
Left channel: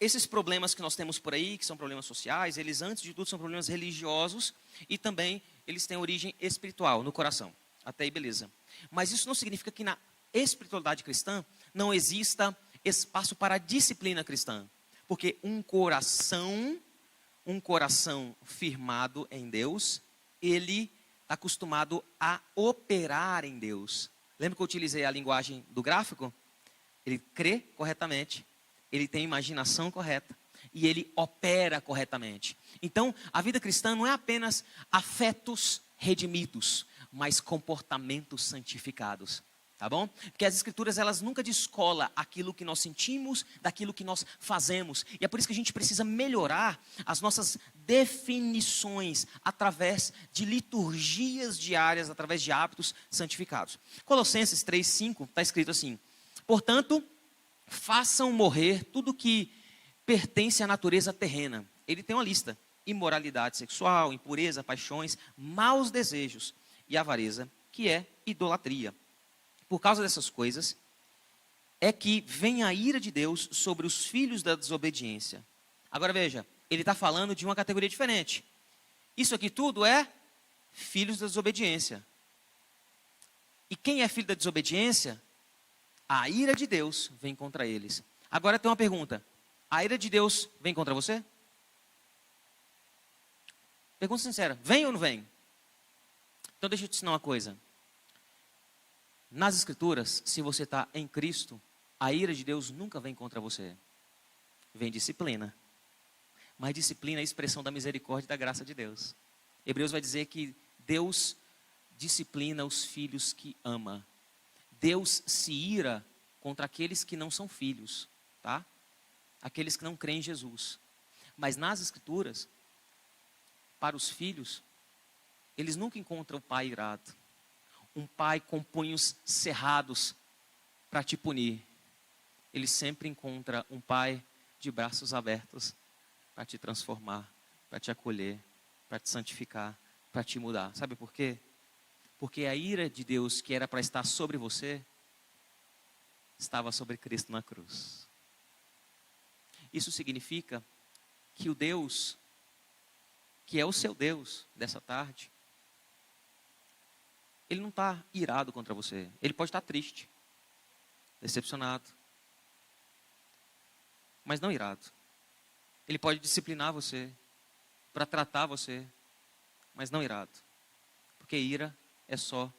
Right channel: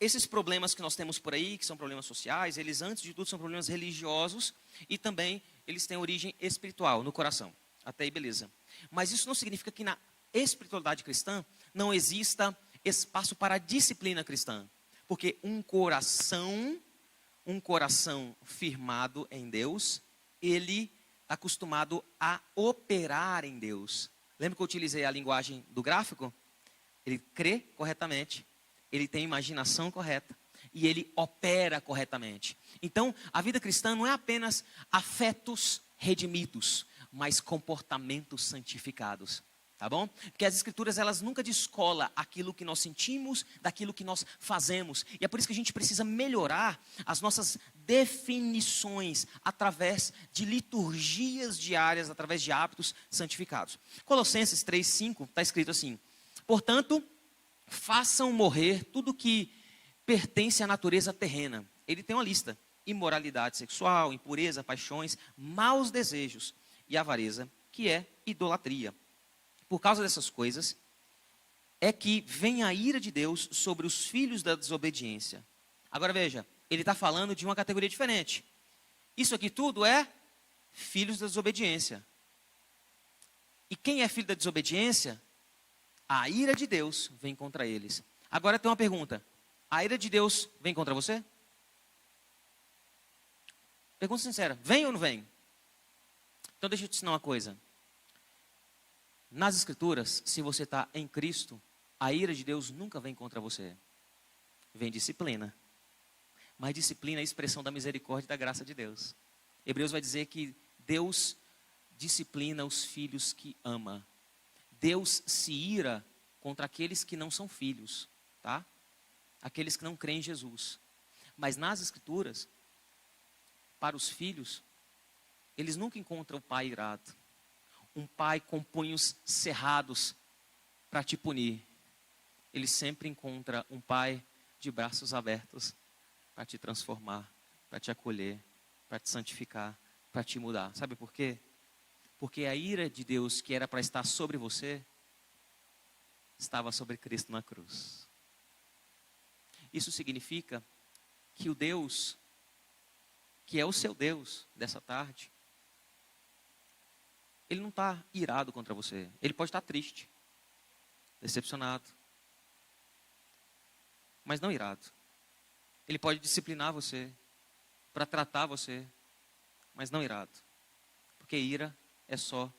esses problemas que nós temos por aí, que são problemas sociais, eles antes de tudo são problemas religiosos e também eles têm origem espiritual, no coração. Até aí, beleza. Mas isso não significa que na espiritualidade cristã não exista espaço para a disciplina cristã. Porque um coração firmado em Deus, ele está acostumado a operar em Deus. Lembra que eu utilizei a linguagem do gráfico? Ele crê corretamente, ele tem a imaginação correta e ele opera corretamente. Então, a vida cristã não é apenas afetos redimidos, mas comportamentos santificados. Tá bom? Porque as escrituras, elas nunca descolam aquilo que nós sentimos daquilo que nós fazemos. E é por isso que a gente precisa melhorar as nossas definições através de liturgias diárias, através de hábitos santificados. Colossenses 3:5 está escrito assim: portanto, façam morrer tudo que pertence à natureza terrena. Ele tem uma lista: imoralidade sexual, impureza, paixões, maus desejos e avareza, que é idolatria. Por causa dessas coisas, é que vem a ira de Deus sobre os filhos da desobediência. Agora veja, ele está falando de uma categoria diferente. Isso aqui tudo é filhos da desobediência. E quem é filho da desobediência? A ira de Deus vem contra eles. Agora tem uma pergunta: a ira de Deus vem contra você? Pergunta sincera, vem ou não vem? Então deixa eu te ensinar uma coisa. Nas escrituras, se você está em Cristo, a ira de Deus nunca vem contra você. Vem disciplina. Mas disciplina é a expressão da misericórdia e da graça de Deus. Hebreus vai dizer que Deus disciplina os filhos que ama. Deus se ira contra aqueles que não são filhos, tá? Aqueles que não creem em Jesus. Mas nas escrituras, para os filhos, eles nunca encontram o pai irado. Um pai com punhos cerrados para te punir. Ele sempre encontra um pai de braços abertos para te transformar, para te acolher, para te santificar, para te mudar. Sabe por quê? Porque a ira de Deus que era para estar sobre você, estava sobre Cristo na cruz. Isso significa que o Deus, que é o seu Deus dessa tarde, ele não está irado contra você. Ele pode estar triste, decepcionado, mas não irado. Ele pode disciplinar você, para tratar você, mas não irado. Porque ira é só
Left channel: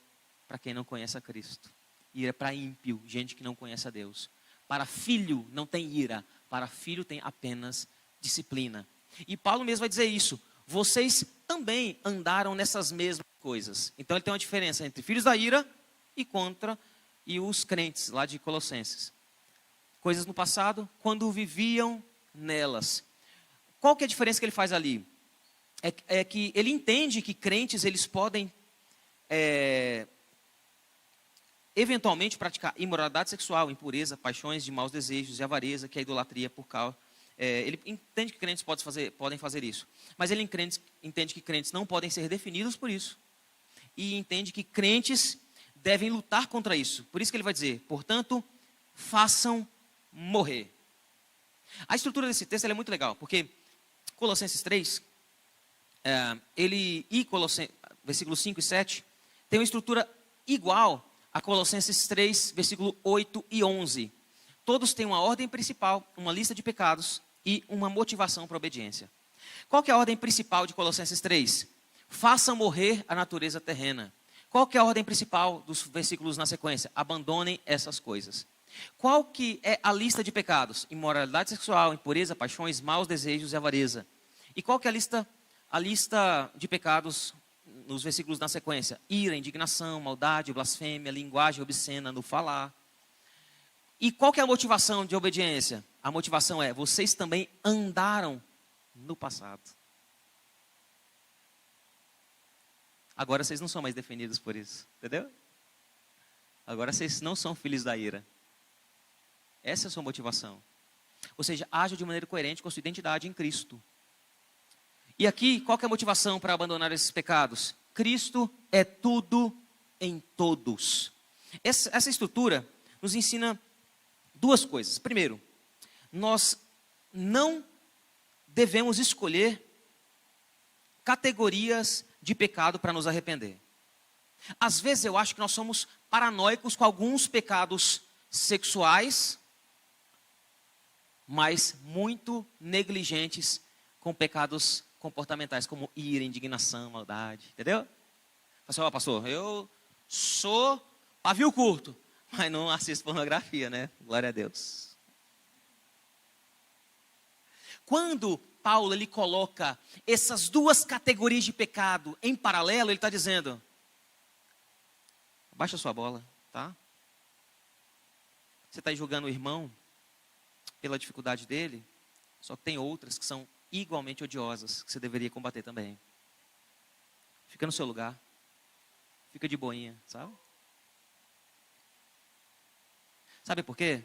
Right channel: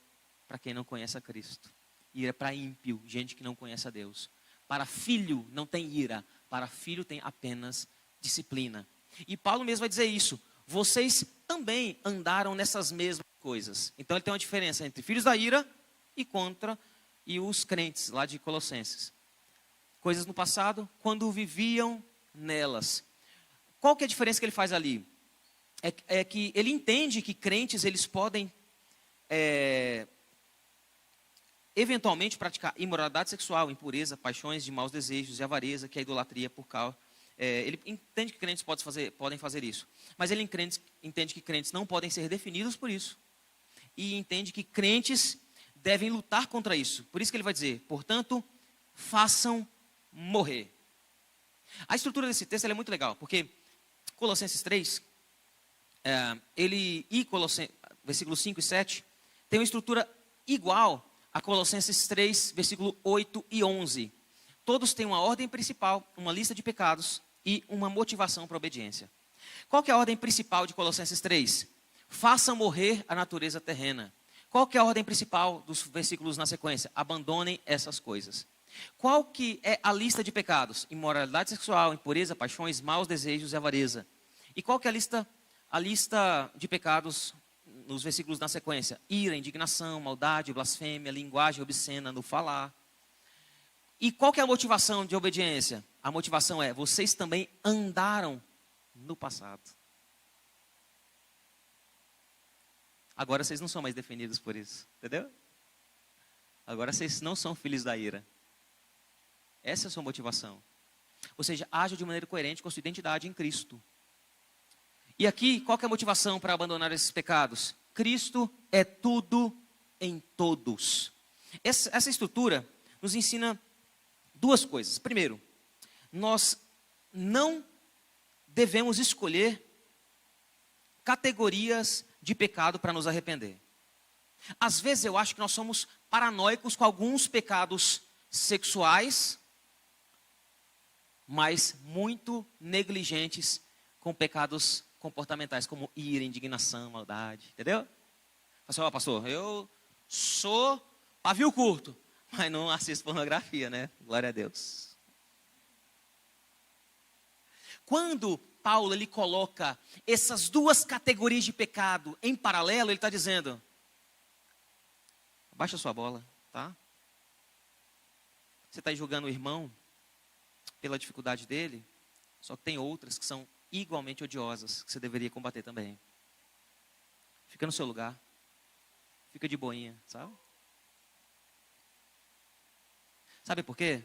para quem não conhece a Cristo. Ira é para ímpio, gente que não conhece a Deus. Para filho não tem ira, para filho tem apenas disciplina. E Paulo mesmo vai dizer isso. Vocês também andaram nessas mesmas coisas. Então ele tem uma diferença entre filhos da ira e os crentes lá de Colossenses. Coisas no passado, quando viviam nelas. Qual que é a diferença que ele faz ali? É que ele entende que crentes, eles podem eventualmente praticar imoralidade sexual, impureza, paixões de maus desejos e avareza, que é a idolatria por causa. Ele entende que crentes podem fazer isso. Mas ele entende que crentes não podem ser definidos por isso. E entende que crentes devem lutar contra isso. Por isso que ele vai dizer, portanto, façam morrer. A estrutura desse texto é muito legal, porque Colossenses 3, versículos 5 e 7, tem uma estrutura igual a Colossenses 3, versículo 8 e 11. Todos têm uma ordem principal, uma lista de pecados e uma motivação para a obediência. Qual que é a ordem principal de Colossenses 3? Façam morrer a natureza terrena. Qual que é a ordem principal dos versículos na sequência? Abandonem essas coisas. Qual que é a lista de pecados? Imoralidade sexual, impureza, paixões, maus desejos e avareza. E qual que é a lista de pecados nos versículos na sequência? Ira, indignação, maldade, blasfêmia, linguagem obscena no falar. E qual que é a motivação de obediência? A motivação é, vocês também andaram no passado. Agora vocês não são mais definidos por isso, entendeu? Agora vocês não são filhos da ira. Essa é a sua motivação. Ou seja, haja de maneira coerente com a sua identidade em Cristo. E aqui, qual que é a motivação para abandonar esses pecados? Cristo é tudo em todos. Essa estrutura nos ensina duas coisas. Primeiro, nós não devemos escolher categorias de pecado para nos arrepender. Às vezes eu acho que nós somos paranoicos com alguns pecados sexuais, mas muito negligentes com pecados comportamentais, como ira, indignação, maldade, entendeu? Pastor, eu sou pavio curto, mas não assisto pornografia, né? Glória a Deus. Quando Paulo ele coloca essas duas categorias de pecado em paralelo, ele está dizendo, abaixa sua bola, tá? Você está aí julgando o irmão pela dificuldade dele, só que tem outras que são igualmente odiosas, que você deveria combater também. Fica no seu lugar, fica de boinha, sabe? Sabe por quê?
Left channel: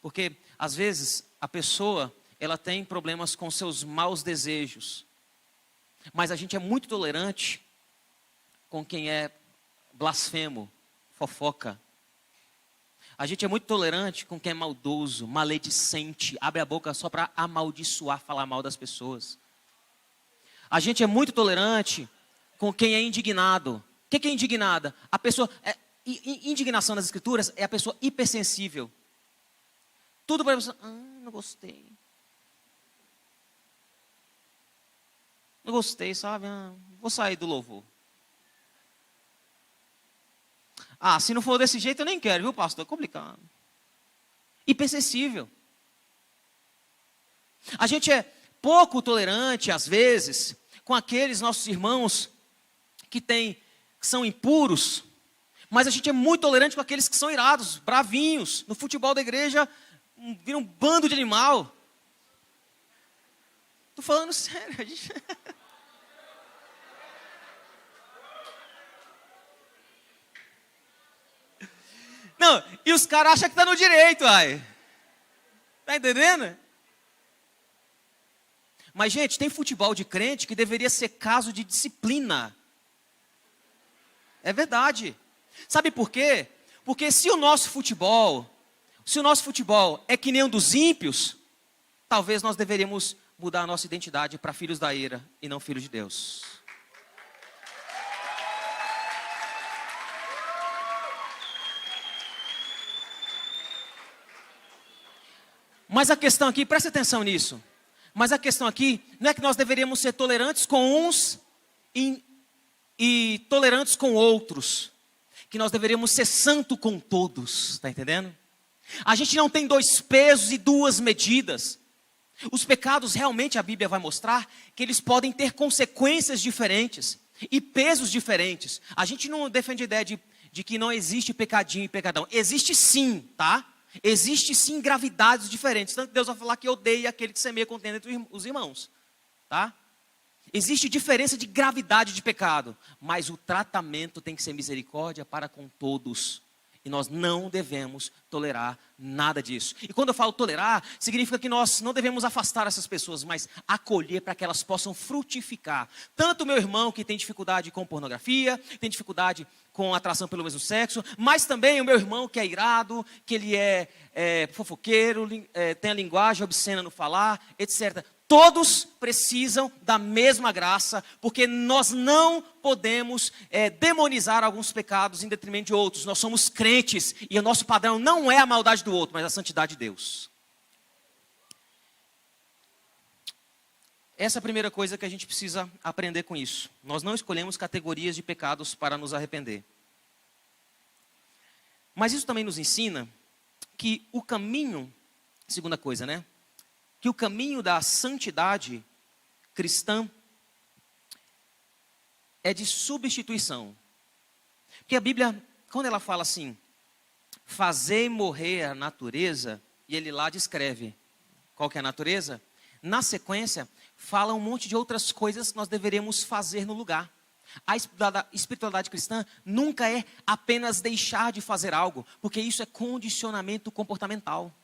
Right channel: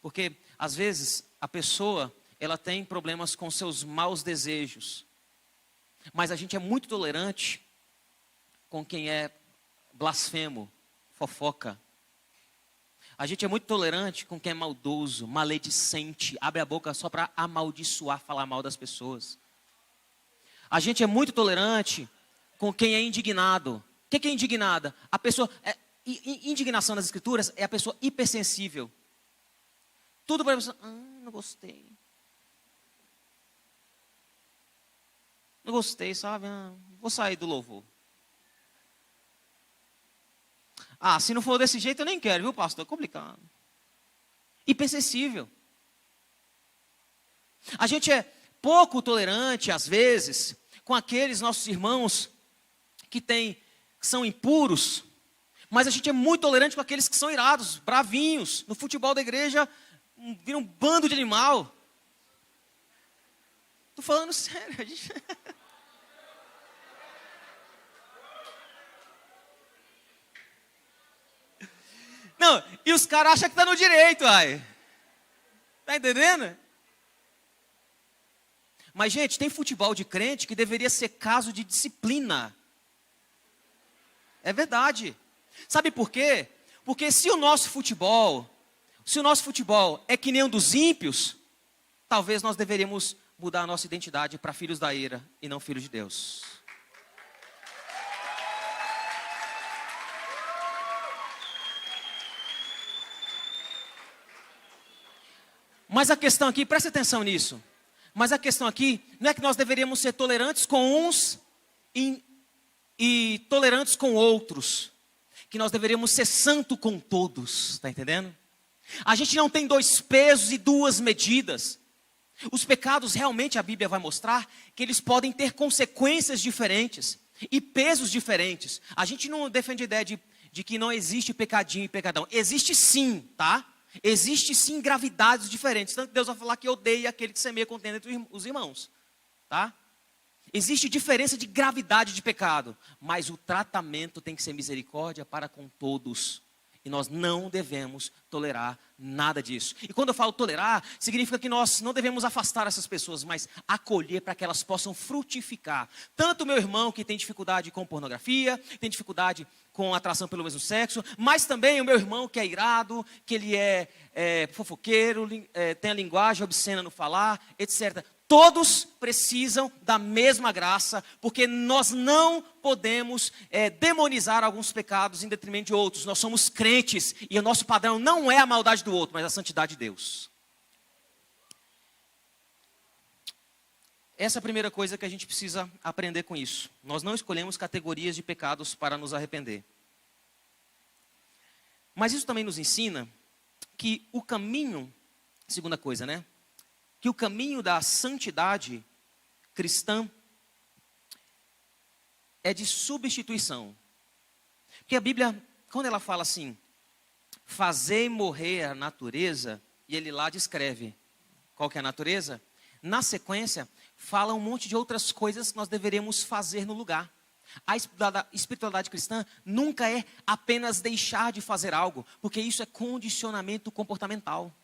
Porque às vezes a pessoa ela tem problemas com seus maus desejos, mas a gente é muito tolerante com quem é blasfemo, fofoca. A gente é muito tolerante com quem é maldoso, maledicente, abre a boca só para amaldiçoar, falar mal das pessoas. A gente é muito tolerante com quem é indignado. O que é indignada? A pessoa, indignação nas escrituras é a pessoa hipersensível. Tudo para a pessoa, não gostei. Não gostei, sabe? Vou sair do louvor. Se não for desse jeito, eu nem quero, viu, pastor? É complicado. Hipersensível. A gente é pouco tolerante, às vezes, com aqueles nossos irmãos que são impuros, mas a gente é muito tolerante com aqueles que são irados, bravinhos. No futebol da igreja, vira um bando de animal. Estou falando sério. A gente... Não, e os caras acham que está no direito, ai. Está entendendo? Mas, gente, tem futebol de crente que deveria ser caso de disciplina. É verdade. Sabe por quê? Porque se o nosso futebol é que nem um dos ímpios, talvez nós deveríamos mudar a nossa identidade para filhos da ira e não filhos de Deus. Mas a questão aqui, preste atenção nisso. Mas a questão aqui não é que nós deveríamos ser tolerantes com uns e tolerantes com outros. Que nós deveríamos ser santo com todos. Está entendendo? A gente não tem dois pesos e duas medidas. Os pecados realmente a Bíblia vai mostrar que eles podem ter consequências diferentes e pesos diferentes. A gente não defende a ideia de que não existe pecadinho e pecadão. Existe sim, tá? Existe sim gravidades diferentes. Tanto que Deus vai falar que odeia aquele que semeia contenda entre os irmãos, tá? Existe diferença de gravidade de pecado, mas o tratamento tem que ser misericórdia para com todos. E nós não devemos tolerar nada disso. E quando eu falo tolerar, significa que nós não devemos afastar essas pessoas, mas acolher para que elas possam frutificar. Tanto o meu irmão que tem dificuldade com pornografia, tem dificuldade com atração pelo mesmo sexo, mas também o meu irmão que é irado, que ele é fofoqueiro, tem a linguagem obscena no falar, etc. Todos precisam da mesma graça, porque nós não podemos demonizar alguns pecados em detrimento de outros. Nós somos crentes e o nosso padrão não é a maldade do outro, mas a santidade de Deus. Essa é a primeira coisa que a gente precisa aprender com isso. Nós não escolhemos categorias de pecados para nos arrepender. Mas isso também nos ensina que o caminho, segunda coisa, né? Que o caminho da santidade cristã é de substituição. Porque a Bíblia, quando ela fala assim, fazei morrer a natureza, e ele lá descreve qual que é a natureza, na sequência, fala um monte de outras coisas que nós deveríamos fazer no lugar. A espiritualidade cristã nunca é apenas deixar de fazer algo, porque isso é condicionamento comportamental.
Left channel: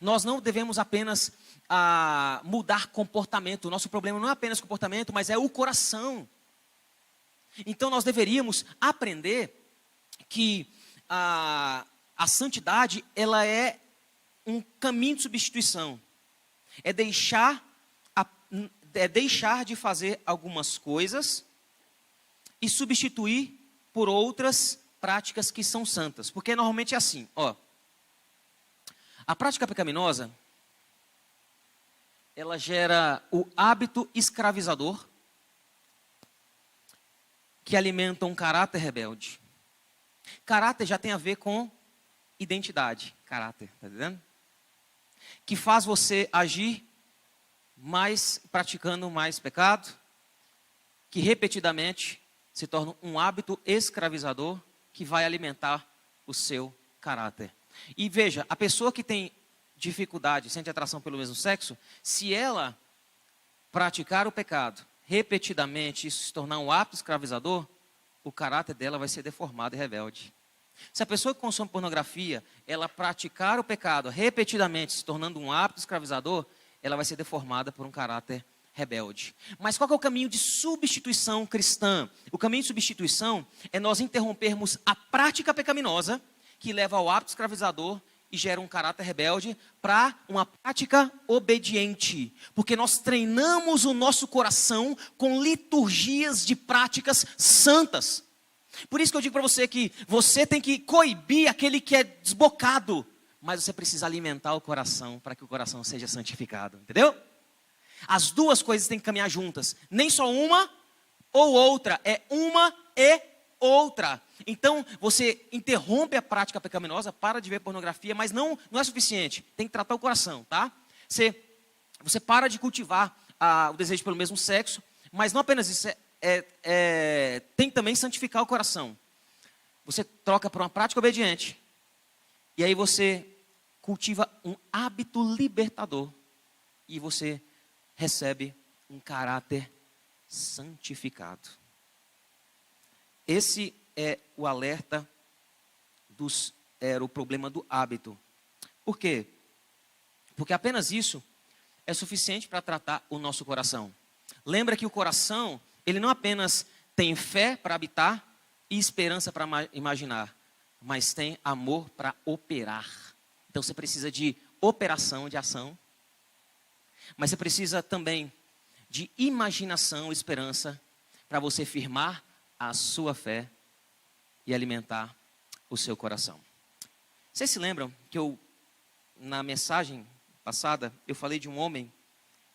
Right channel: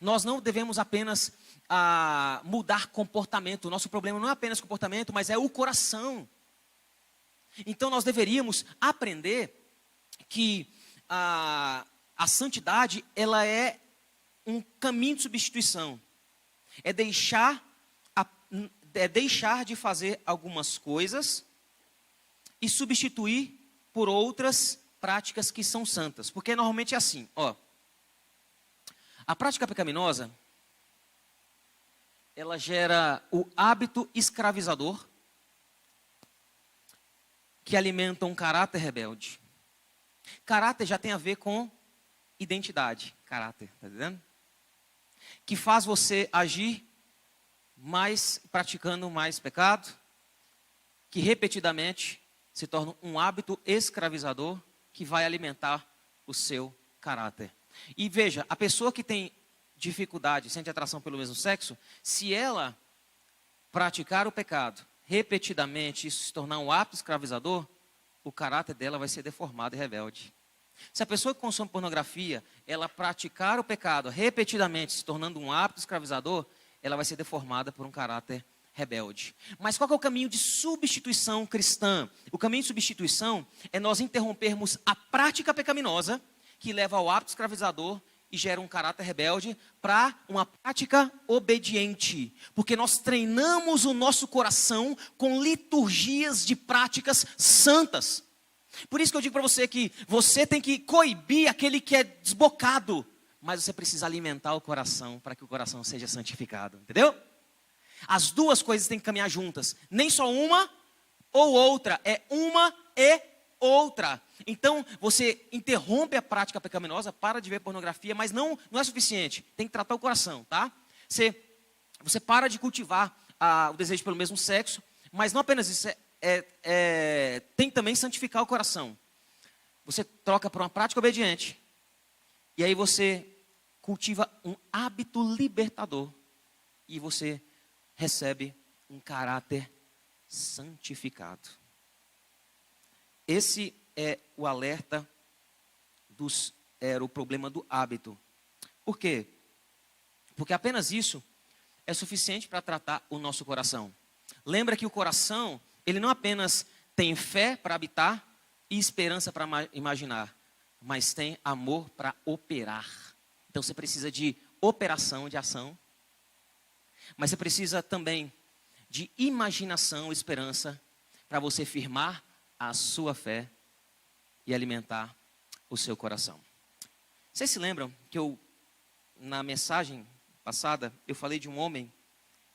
Nós não devemos apenas mudar comportamento. O nosso problema não é apenas comportamento, mas é o coração. Então nós deveríamos aprender que a santidade, ela é um caminho de substituição. É deixar de fazer algumas coisas e substituir por outras práticas que são santas. Porque normalmente é assim, ó. A prática pecaminosa, ela gera o hábito escravizador que alimenta um caráter rebelde. Caráter já tem a ver com identidade. Caráter, tá entendendo? Que faz você agir praticando mais pecado, que repetidamente se torna um hábito escravizador que vai alimentar o seu caráter. E veja, a pessoa que tem dificuldade, sente atração pelo mesmo sexo, se ela praticar o pecado repetidamente, isso se tornar um hábito escravizador, o caráter dela vai ser deformado e rebelde. Se a pessoa que consome pornografia, ela praticar o pecado repetidamente, se tornando um hábito escravizador, ela vai ser deformada por um caráter rebelde. Mas qual que é o caminho de substituição cristã? O caminho de substituição é nós interrompermos a prática pecaminosa, que leva ao hábito escravizador e gera um caráter rebelde, para uma prática obediente. Porque nós treinamos o nosso coração com liturgias de práticas santas. Por isso que eu digo para você que você tem que coibir aquele que é desbocado, mas você precisa alimentar o coração para que o coração seja santificado, entendeu? As duas coisas têm que caminhar juntas, nem só uma ou outra, é uma e outra. Então, você interrompe a prática pecaminosa, para de ver pornografia, mas não é suficiente, tem que tratar o coração, tá? Você para de cultivar o desejo pelo mesmo sexo, mas não apenas isso, tem que também santificar o coração. Você troca por uma prática obediente, e aí você cultiva um hábito libertador, e você recebe um caráter santificado. Esse é o alerta era o problema do hábito. Por quê? Porque apenas isso é suficiente para tratar o nosso coração. Lembra que o coração, ele não apenas tem fé para habitar e esperança para imaginar, mas tem amor para operar. Então você precisa de operação, de ação, mas você precisa também de imaginação, esperança, para você firmar a sua fé e alimentar o seu coração. Vocês se lembram que eu na mensagem passada, eu falei de um homem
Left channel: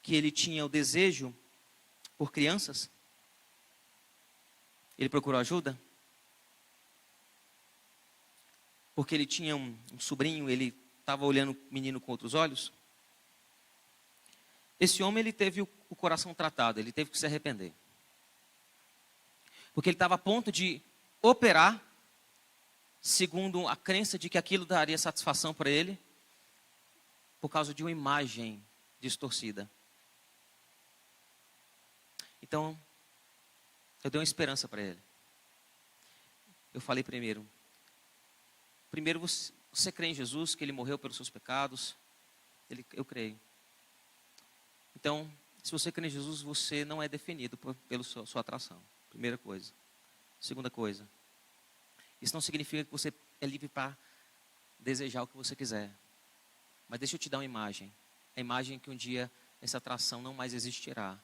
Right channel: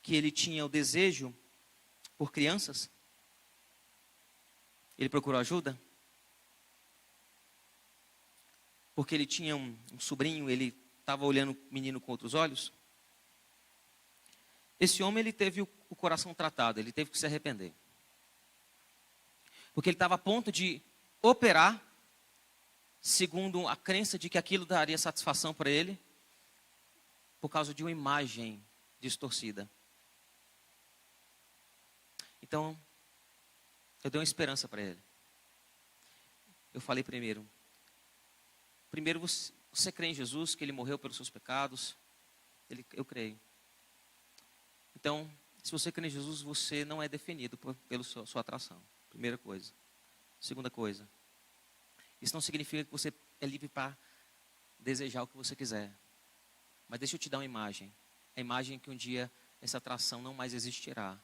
que ele tinha o desejo por crianças. Ele procurou ajuda. Porque ele tinha um sobrinho, ele estava olhando o menino com outros olhos. Esse homem, ele teve o coração tratado, ele teve que se arrepender. Porque ele estava a ponto de operar, segundo a crença de que aquilo daria satisfação para ele, por causa de uma imagem distorcida. Então, eu dei uma esperança para ele. Eu falei primeiro você crê em Jesus, que ele morreu pelos seus pecados? Eu creio. Então, se você crê em Jesus, você não é definido pela sua atração. Primeira coisa. Segunda coisa. Isso não significa que você é livre para desejar o que você quiser. Mas deixa eu te dar uma imagem. A imagem que um dia essa atração não mais existirá.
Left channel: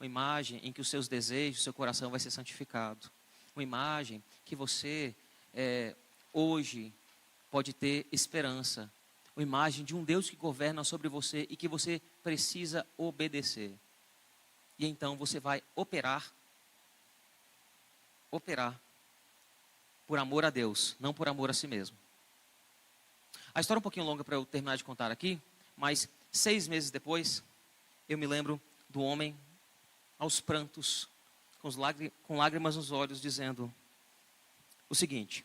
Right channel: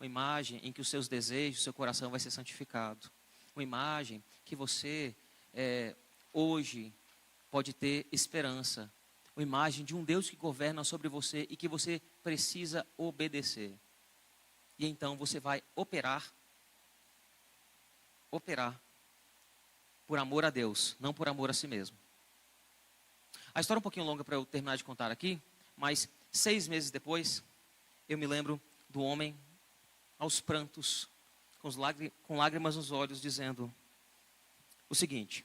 Uma imagem em que os seus desejos, seu coração vai ser santificado. Uma imagem que você hoje pode ter esperança. Uma imagem de um Deus que governa sobre você e que você precisa obedecer. E então você vai operar por amor a Deus, não por amor a si mesmo. A história é um pouquinho longa para eu terminar de contar aqui, mas 6 meses depois, eu me lembro do homem aos prantos, com lágrimas nos olhos, dizendo o seguinte:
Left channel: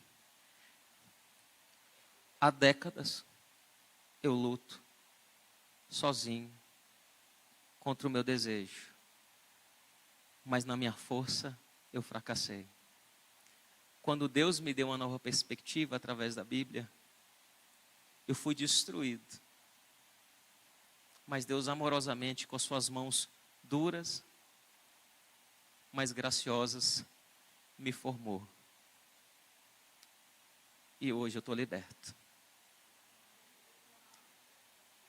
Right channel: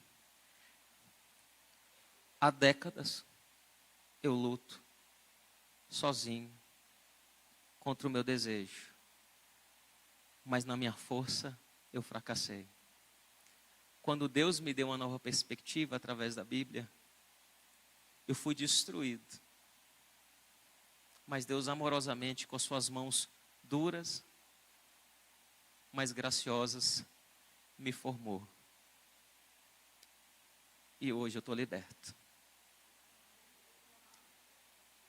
há décadas eu luto sozinho contra o meu desejo, mas na minha força eu fracassei. Quando Deus me deu uma nova perspectiva através da Bíblia, eu fui destruído. Mas Deus amorosamente, com suas mãos duras, mas graciosas, me formou. E hoje eu estou liberto.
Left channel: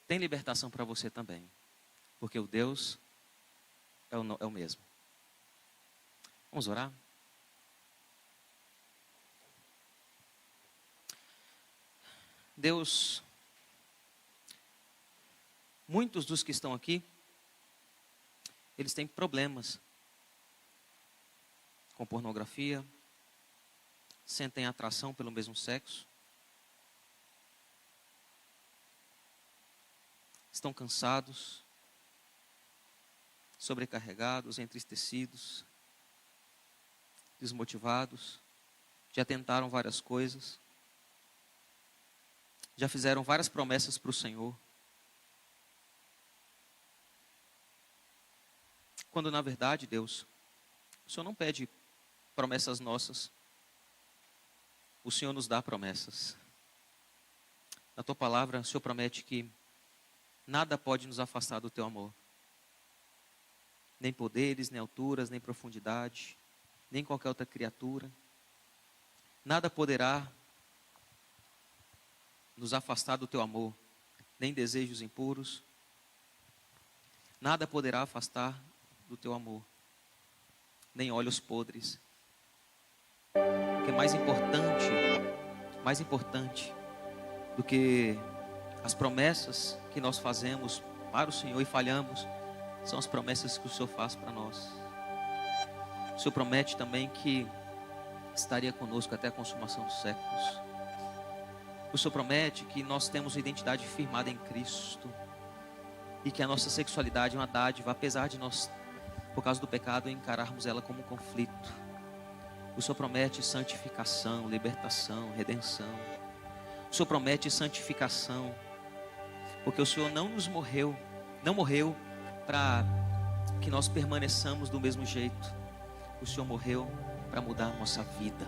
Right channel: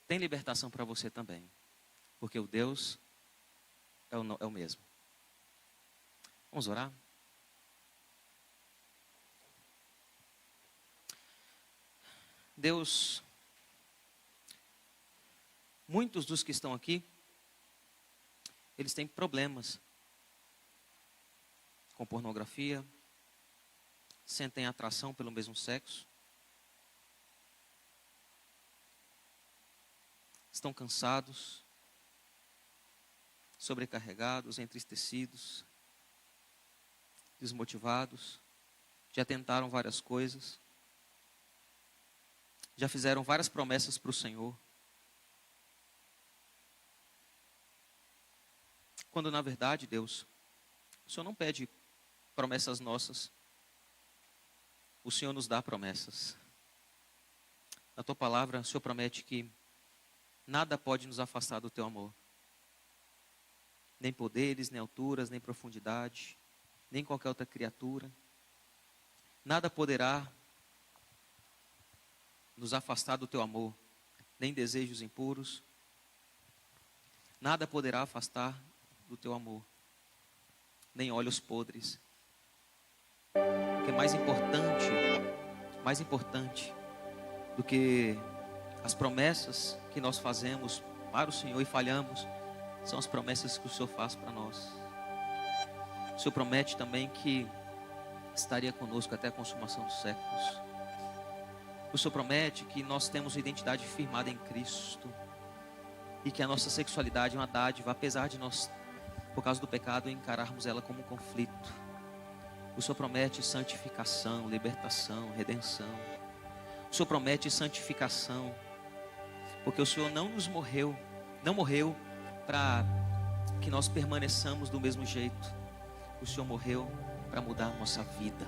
Tem libertação para você também, porque o Deus é o mesmo. Vamos orar? Deus, muitos dos que estão aqui, eles têm problemas com pornografia, sentem atração pelo mesmo sexo, estão cansados, sobrecarregados, entristecidos, desmotivados, já tentaram várias coisas, já fizeram várias promessas para o Senhor, quando na verdade, Deus, o Senhor não pede promessas nossas, o Senhor nos dá promessas. Na tua palavra, o Senhor promete que nada pode nos afastar do teu amor, nem poderes, nem alturas, nem profundidade, nem qualquer outra criatura, nada poderá nos afastar do teu amor, nem desejos impuros, nada poderá afastar do teu amor, nem olhos podres. O que é mais importante do que as promessas que nós fazemos para o Senhor e falhamos, são as promessas que o Senhor faz para nós. O Senhor promete também que estaria conosco até a consumação dos séculos. O Senhor promete que nós temos uma identidade firmada em Cristo e que a nossa sexualidade é uma dádiva, apesar de nós, por causa do pecado, encararmos ela como um conflito. O Senhor promete santificação, libertação, redenção. O Senhor promete santificação, porque o Senhor não morreu para que nós permaneçamos do mesmo jeito. O Senhor morreu para mudar a nossa vida.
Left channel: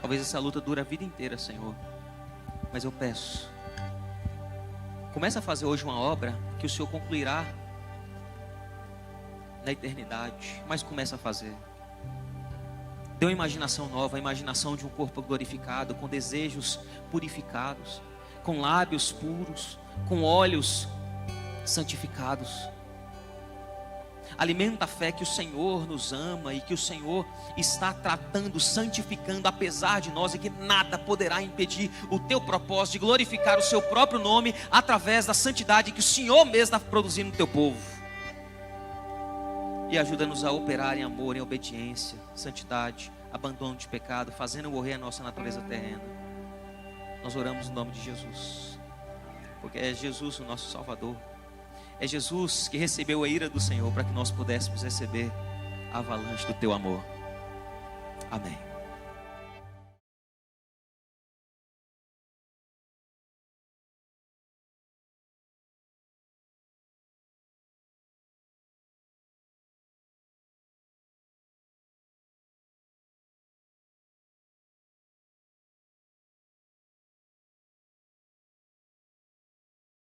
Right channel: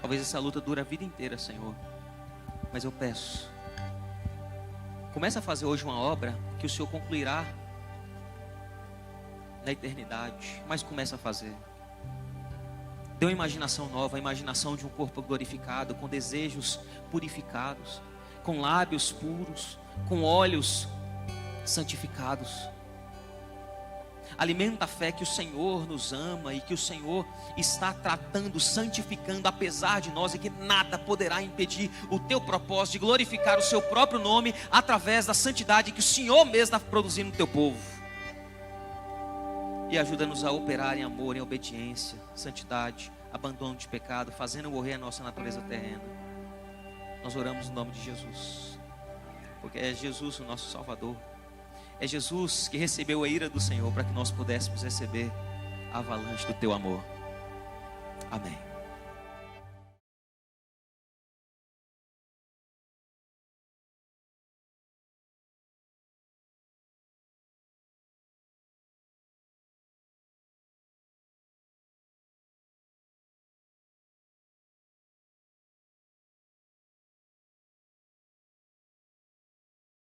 Talvez essa luta dure a vida inteira, Senhor, mas eu peço, comece a fazer hoje uma obra que o Senhor concluirá na eternidade, mas comece a fazer. Dê uma imaginação nova, a imaginação de um corpo glorificado, com desejos purificados, com lábios puros, com olhos santificados. Alimenta a fé que o Senhor nos ama e que o Senhor está tratando, santificando apesar de nós, e que nada poderá impedir o teu propósito de glorificar o seu próprio nome através da santidade que o Senhor mesmo está produzindo no teu povo. E ajuda-nos a operar em amor, em obediência, santidade, abandono de pecado, fazendo morrer a nossa natureza terrena. Nós oramos no nome de Jesus, porque é Jesus o nosso Salvador. É Jesus que recebeu a ira do Senhor para que nós pudéssemos receber a avalanche do teu amor. Amém.